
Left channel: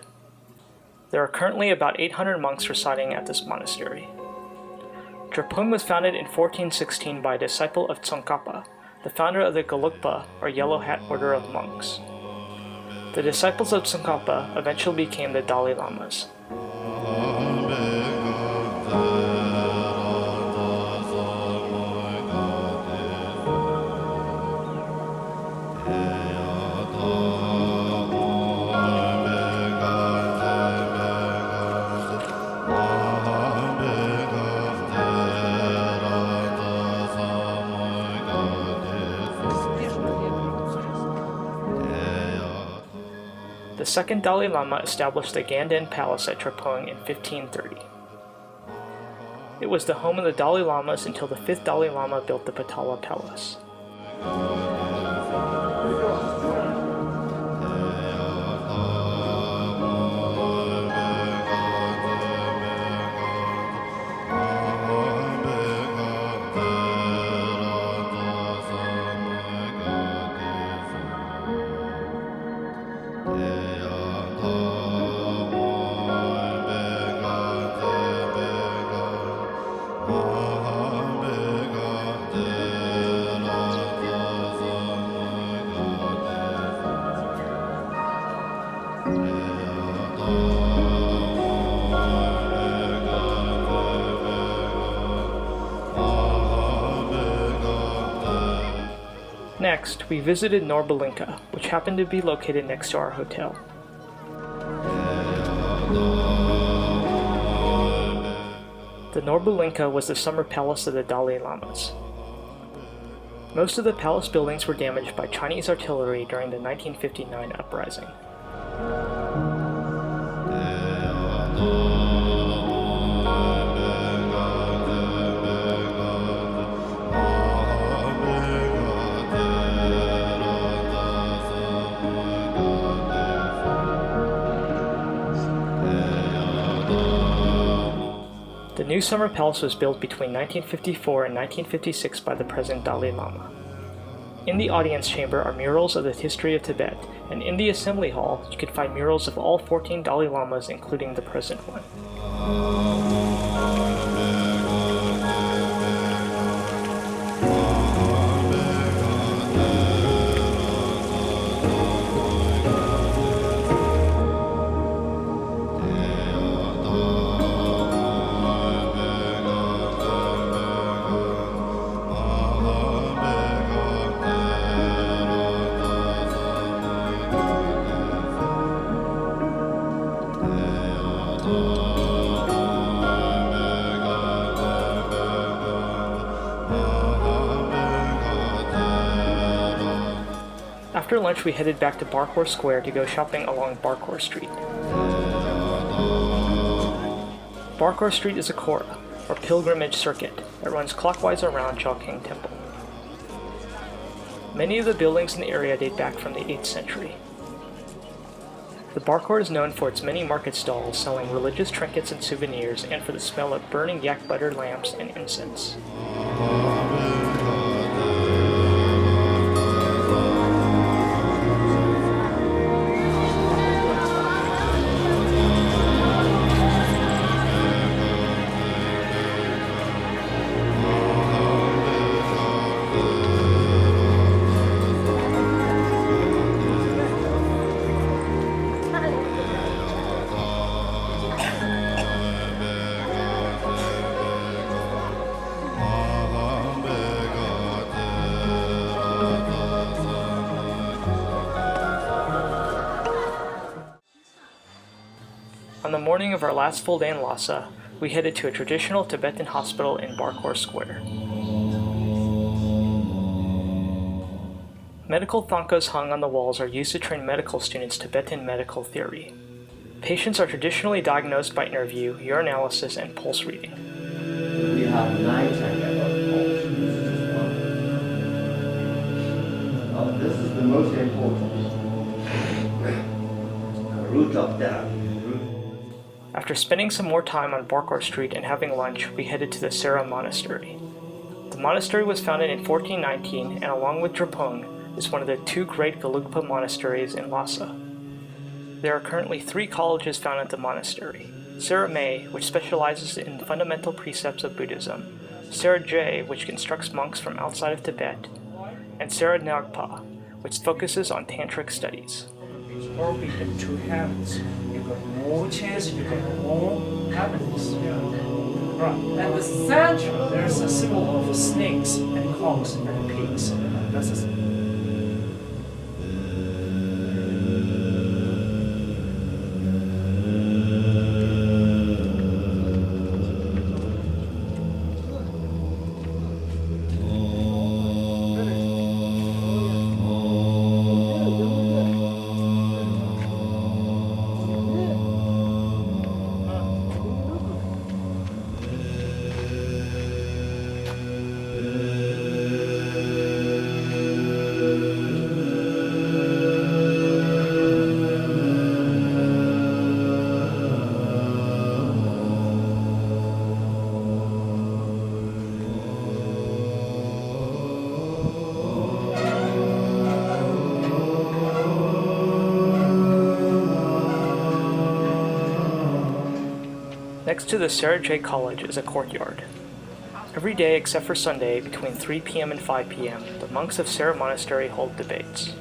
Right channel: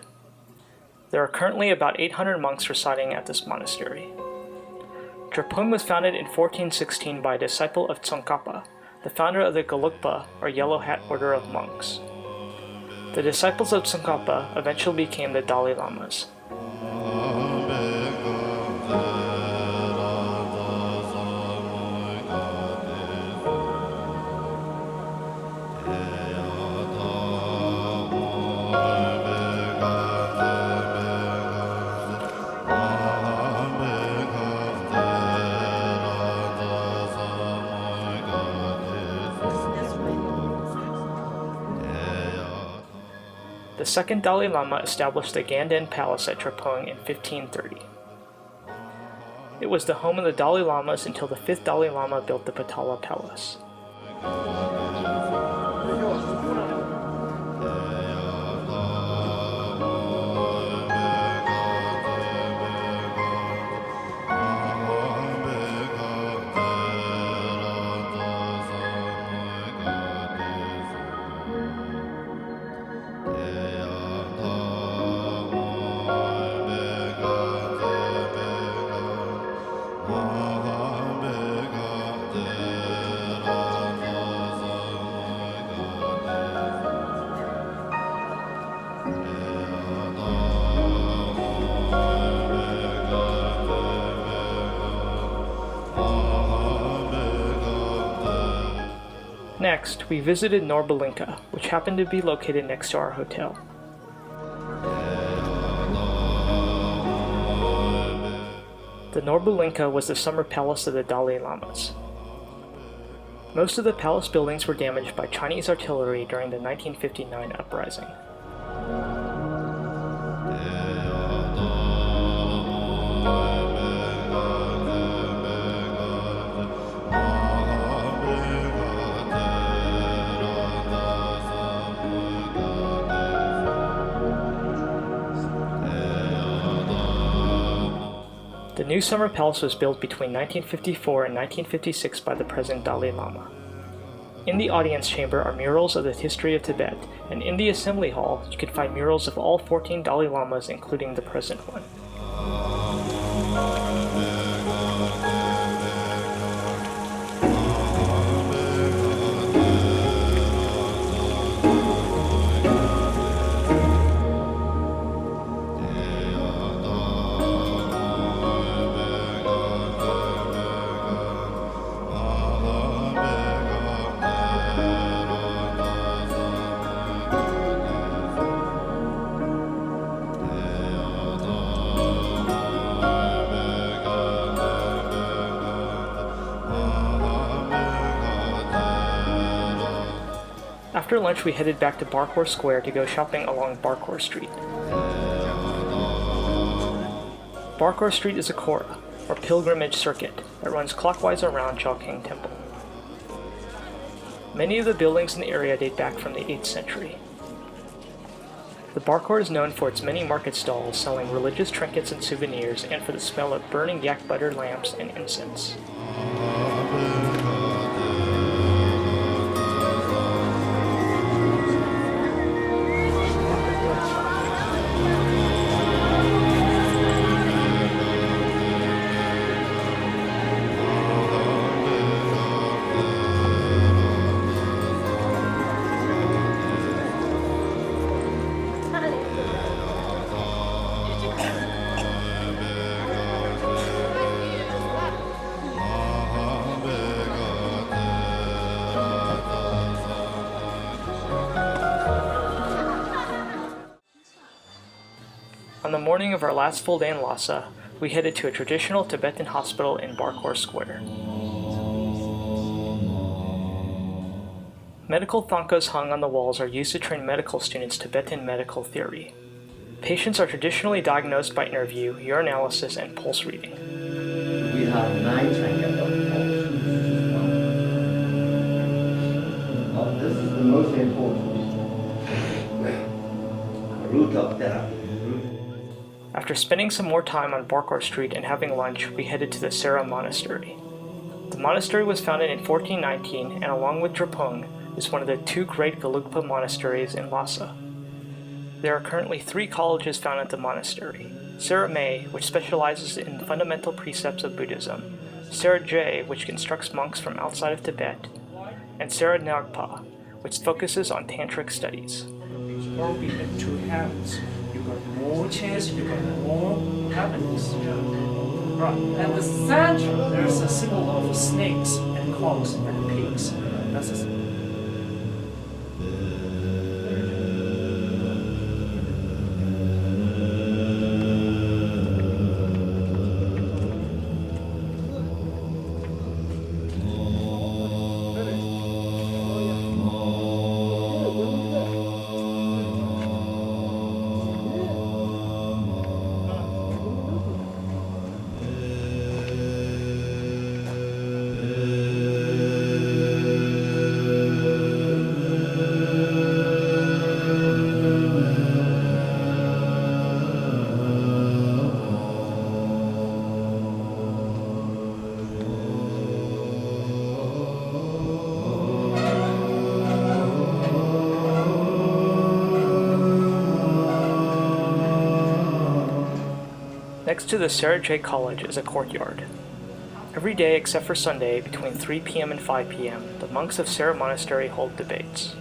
There are currently about 800 monks residing at this monastery. Drepung was founded in 1416 by a disciple of Tsongkhapa, the founder of the Gelugpa, or Yellow Hat Order of Monks. The disciples of Tsongkhapa eventually became the Dalai Lamas. The second Dalai Lama established the Ganden Palace at Drepung in 1530. It was the home of the Dalai Lamas until the fifth Dalai Lama built the Potala Palace. Next, we visited Norbalinka, which happened to be located next to our hotel. The Norbalinka was the summer palace of the Dalai Lamas. Most of the palace buildings were damaged by Chinese artillery during the 1959 uprising. The new summer palace was built between 1954 and 1956 by the present Dalai Lama. In the audience chamber are murals of the history of Tibet, and in the assembly hall you can find murals of all 14 Dalai Lamas, including the present one. After lunch, we headed back to Barkhor Square to go shopping along Barkhor Street. Barkhor Street is a Kora, or pilgrimage circuit, that runs clockwise around Chowking Temple. Many of the buildings in the area date back from the 8th century. The Barkhor is known for its many market stalls selling religious trinkets and souvenirs, and for the smell of burning yak butter lamps and incense. On the morning of our last full day in Lhasa, we headed to a traditional Tibetan hospital in Barkhor Square. Medical thangkas hung on the walls are used to train medical students Tibetan medical theory. Patients are traditionally diagnosed by interview, urinalysis, and pulse reading. We have 9 chakras of pulse. This is the most important route of therapy. After spending some more time on Barkhor Street and having lunch, we headed to the Sera Monastery. The monastery was founded in 1419 and, along with Drepung, is one of the 2 great Gelugpa monasteries in Lhasa. There are currently 3 colleges found at the monastery: Sera May, which specializes in fundamental precepts of Buddhism; Sera Jay, which instructs monks from outside of Tibet; and Sera Nyagpa, which focuses on tantric studies. Orbit the 2 heavens. You got more chance, you got more happiness. Right. And the center, there's a symbol of snakes and cows and pigs. That's a Next to the Sera Jay College is a courtyard. Every day except for Sunday, between 3 p.m. and 5 p.m., the monks of Sera Monastery hold debates.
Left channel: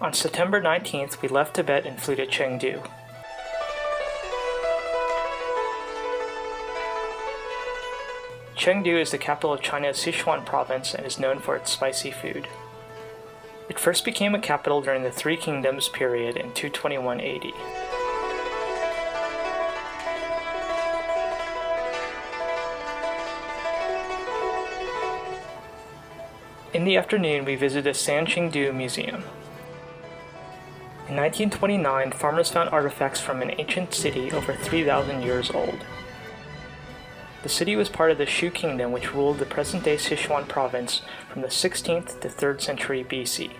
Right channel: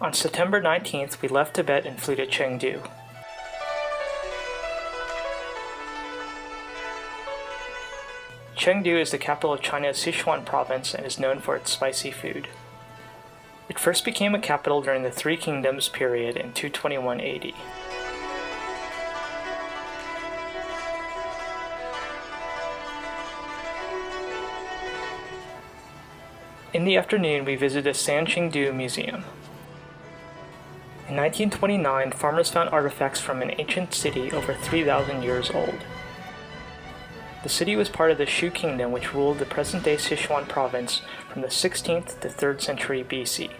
On September 19th, we left Tibet and flew to Chengdu. Chengdu is the capital of China's Sichuan province and is known for its spicy food. It first became a capital during the Three Kingdoms period in 221 AD. In the afternoon, we visited the Sanqingdu Museum. In 1929, farmers found artifacts from an ancient city over 3,000 years old. The city was part of the Shu Kingdom, which ruled the present-day Sichuan province from the 16th to 3rd century BC.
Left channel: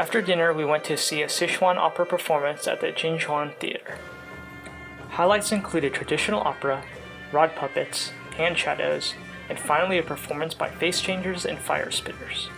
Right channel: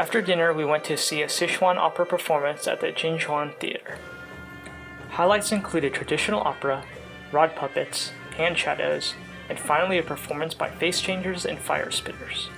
After dinner, we went to see a Sichuan opera performance at the Jinchuan Theater. Highlights included traditional opera, rod puppets, hand shadows, and finally a performance by face changers and fire spitters.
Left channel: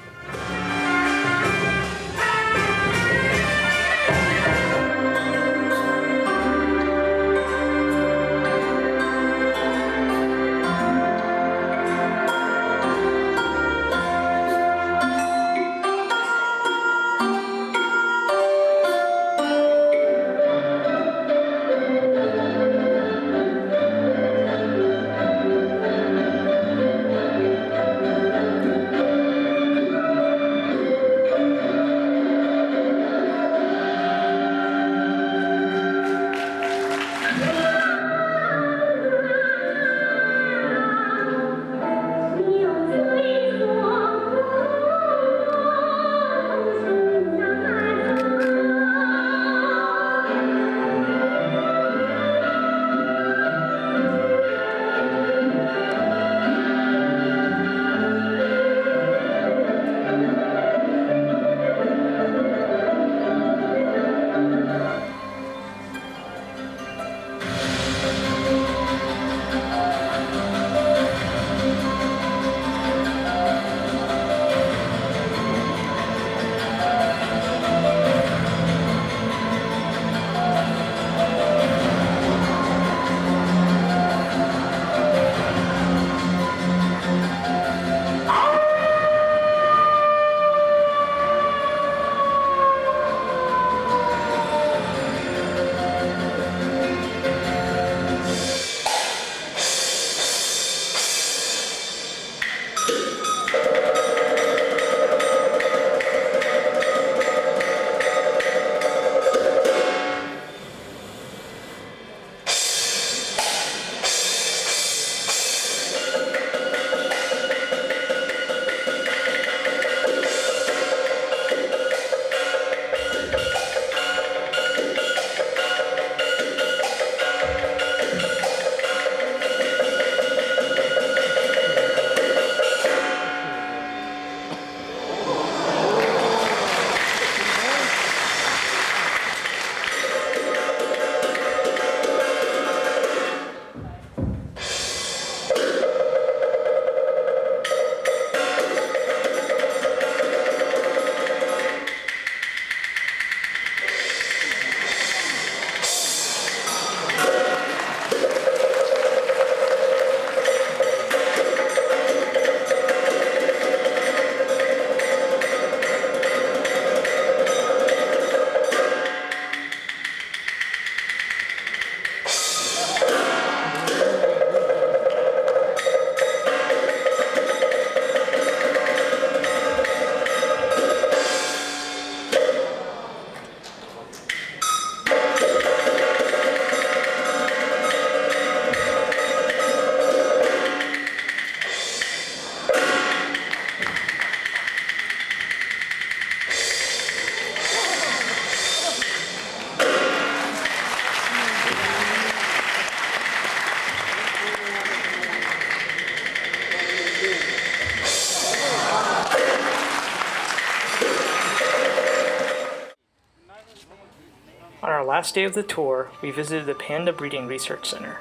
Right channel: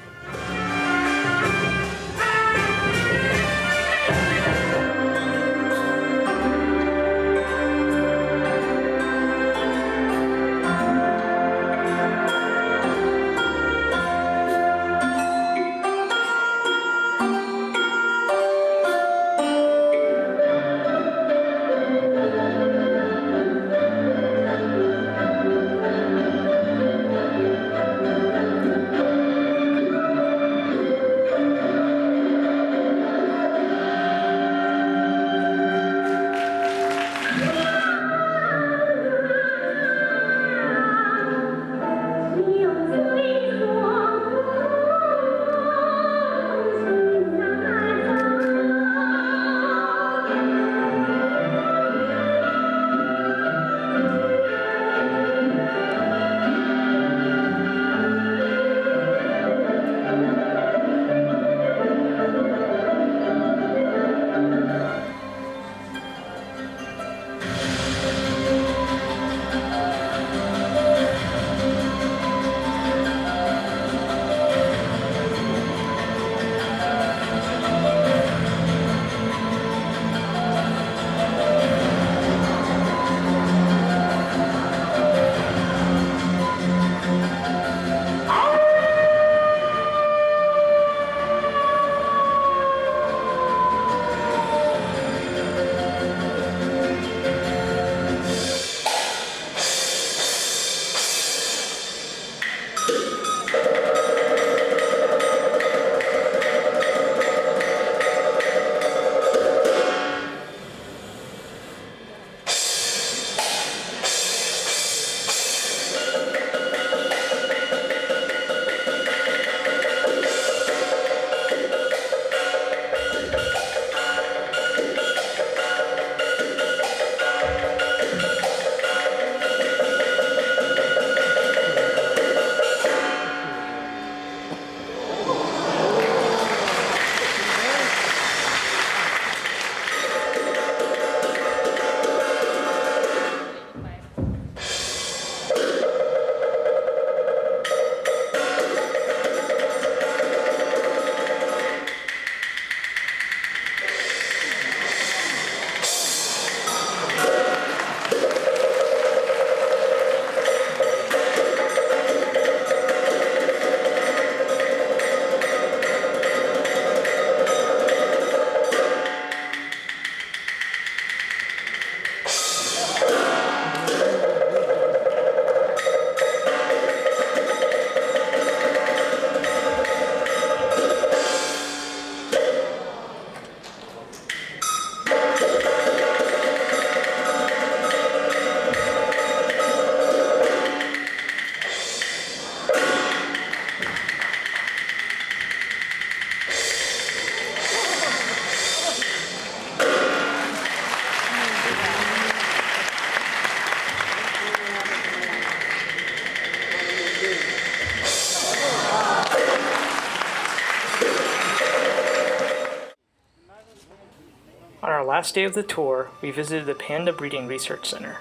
On our last day of the tour, we visited the Panda Breeding Research Center.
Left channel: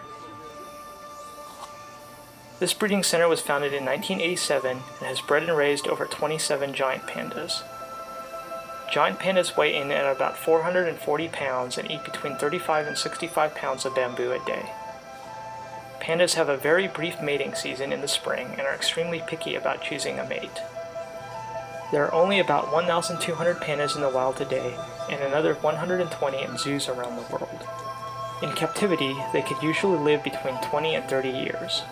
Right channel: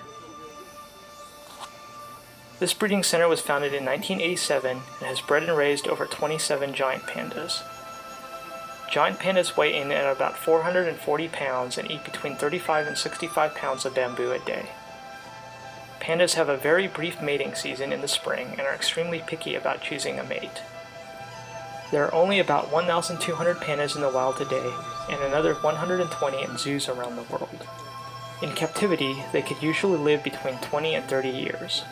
This breeding center was founded in 1987 and has bred and raised over 27 giant pandas. Giant pandas weigh in at about 440 pounds and eat between 35 and 65 pounds of bamboo a day. Pandas have a very brief mating season in the spring and are extremely picky about choosing a mate. There are only about 1,200 pandas in the wild today, and another 120 in zoos around the world. In captivity, they could usually live between 20 and 30 years.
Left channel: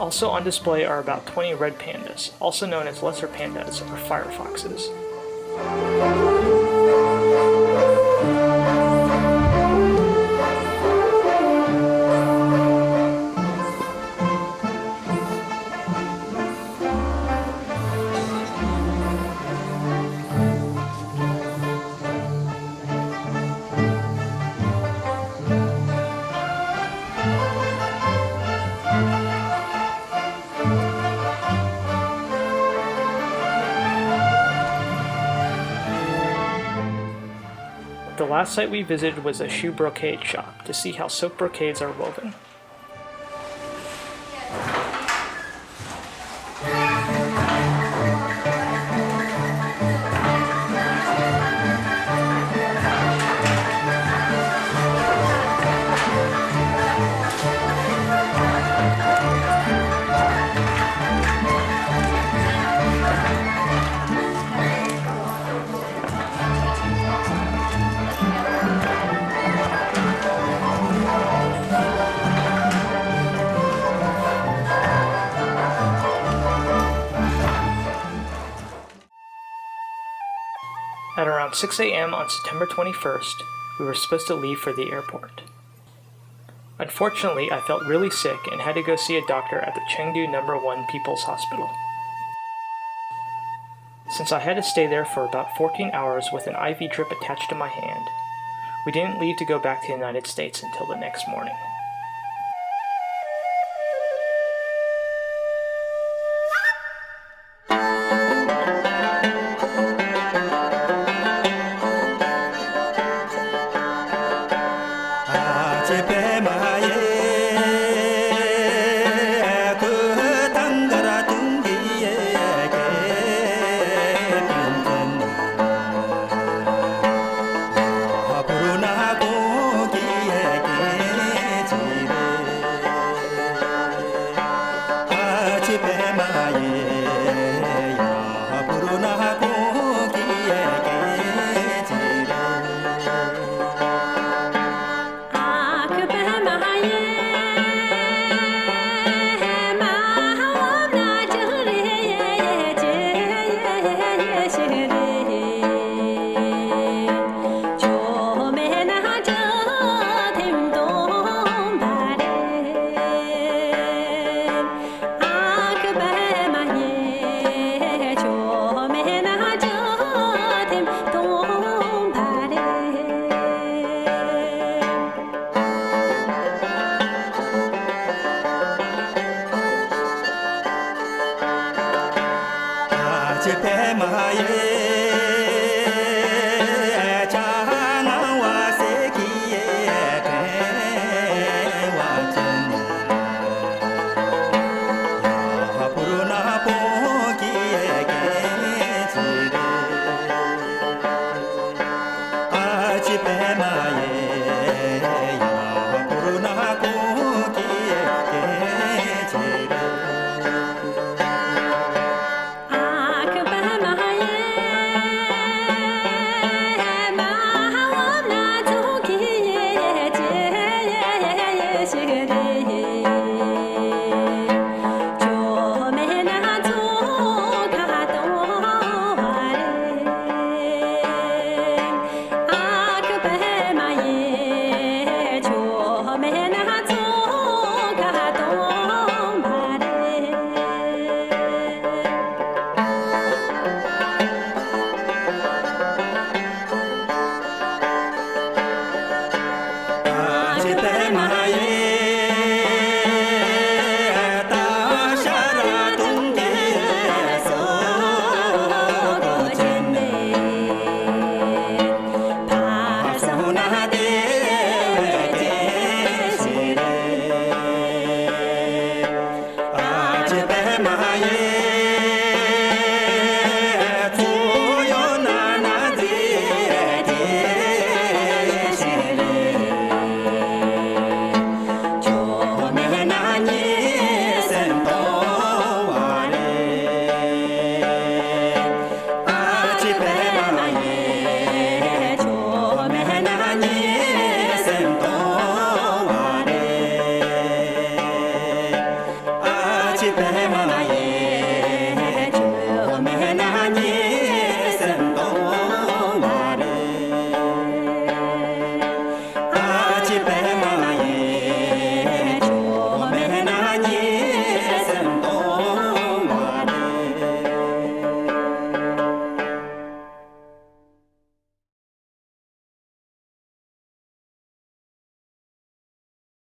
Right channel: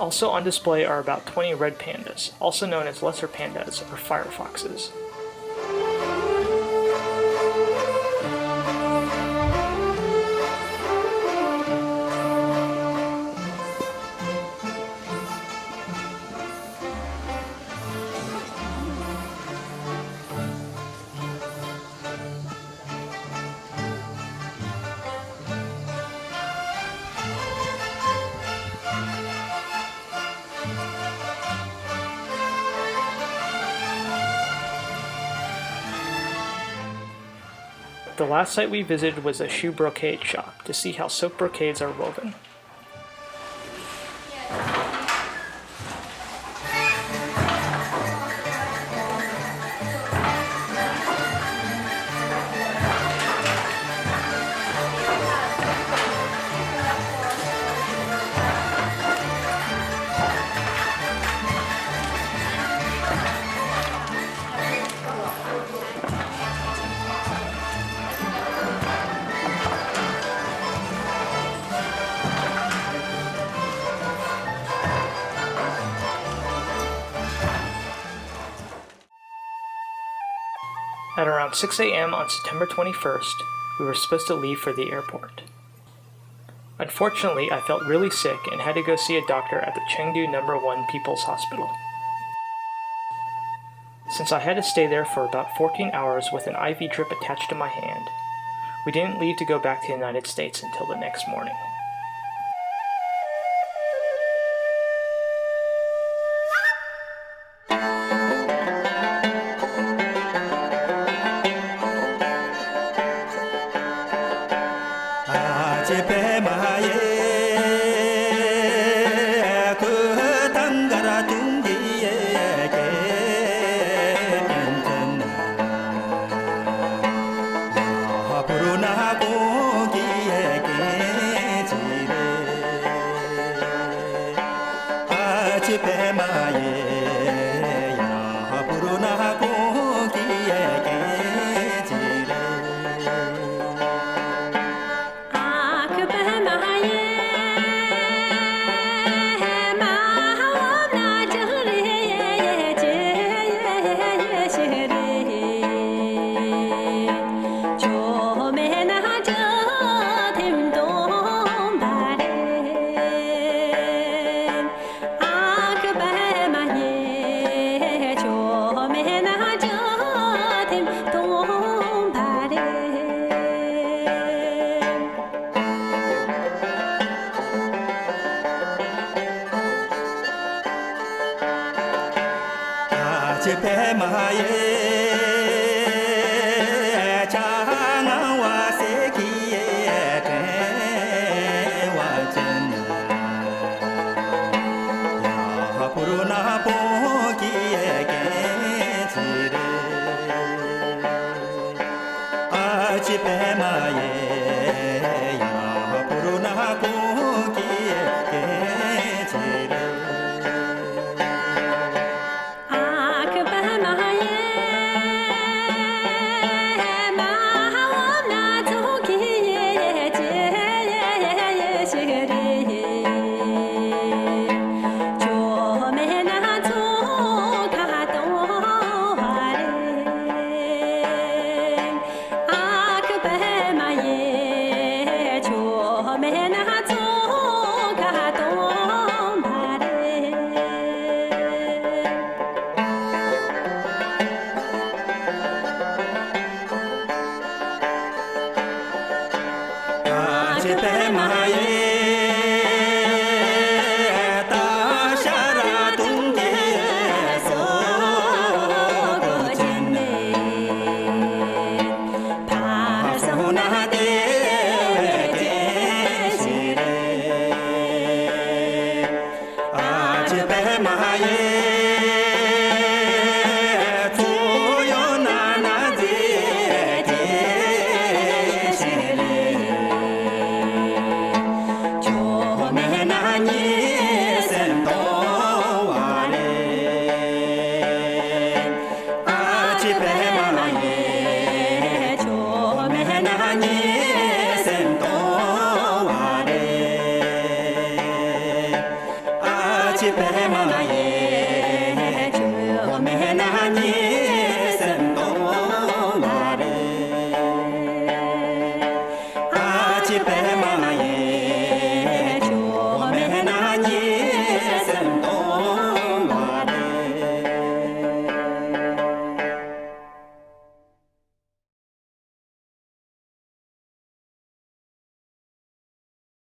Also on display are about 20 red pandas, also known as lesser pandas or firefoxes. The last site we visited was a shoe brocade shop to see how silk brocades are woven. At around 6 a.m. on September 21st, we were supposed to leave for the airport. Unfortunately, I felt really sick and had to go see a doctor at the Chengdu No. 1 People's Hospital. Since I had to stay there for about 14 hours with an IV drip attached to my hand, we didn't leave to go back to the United States until the next morning. Ani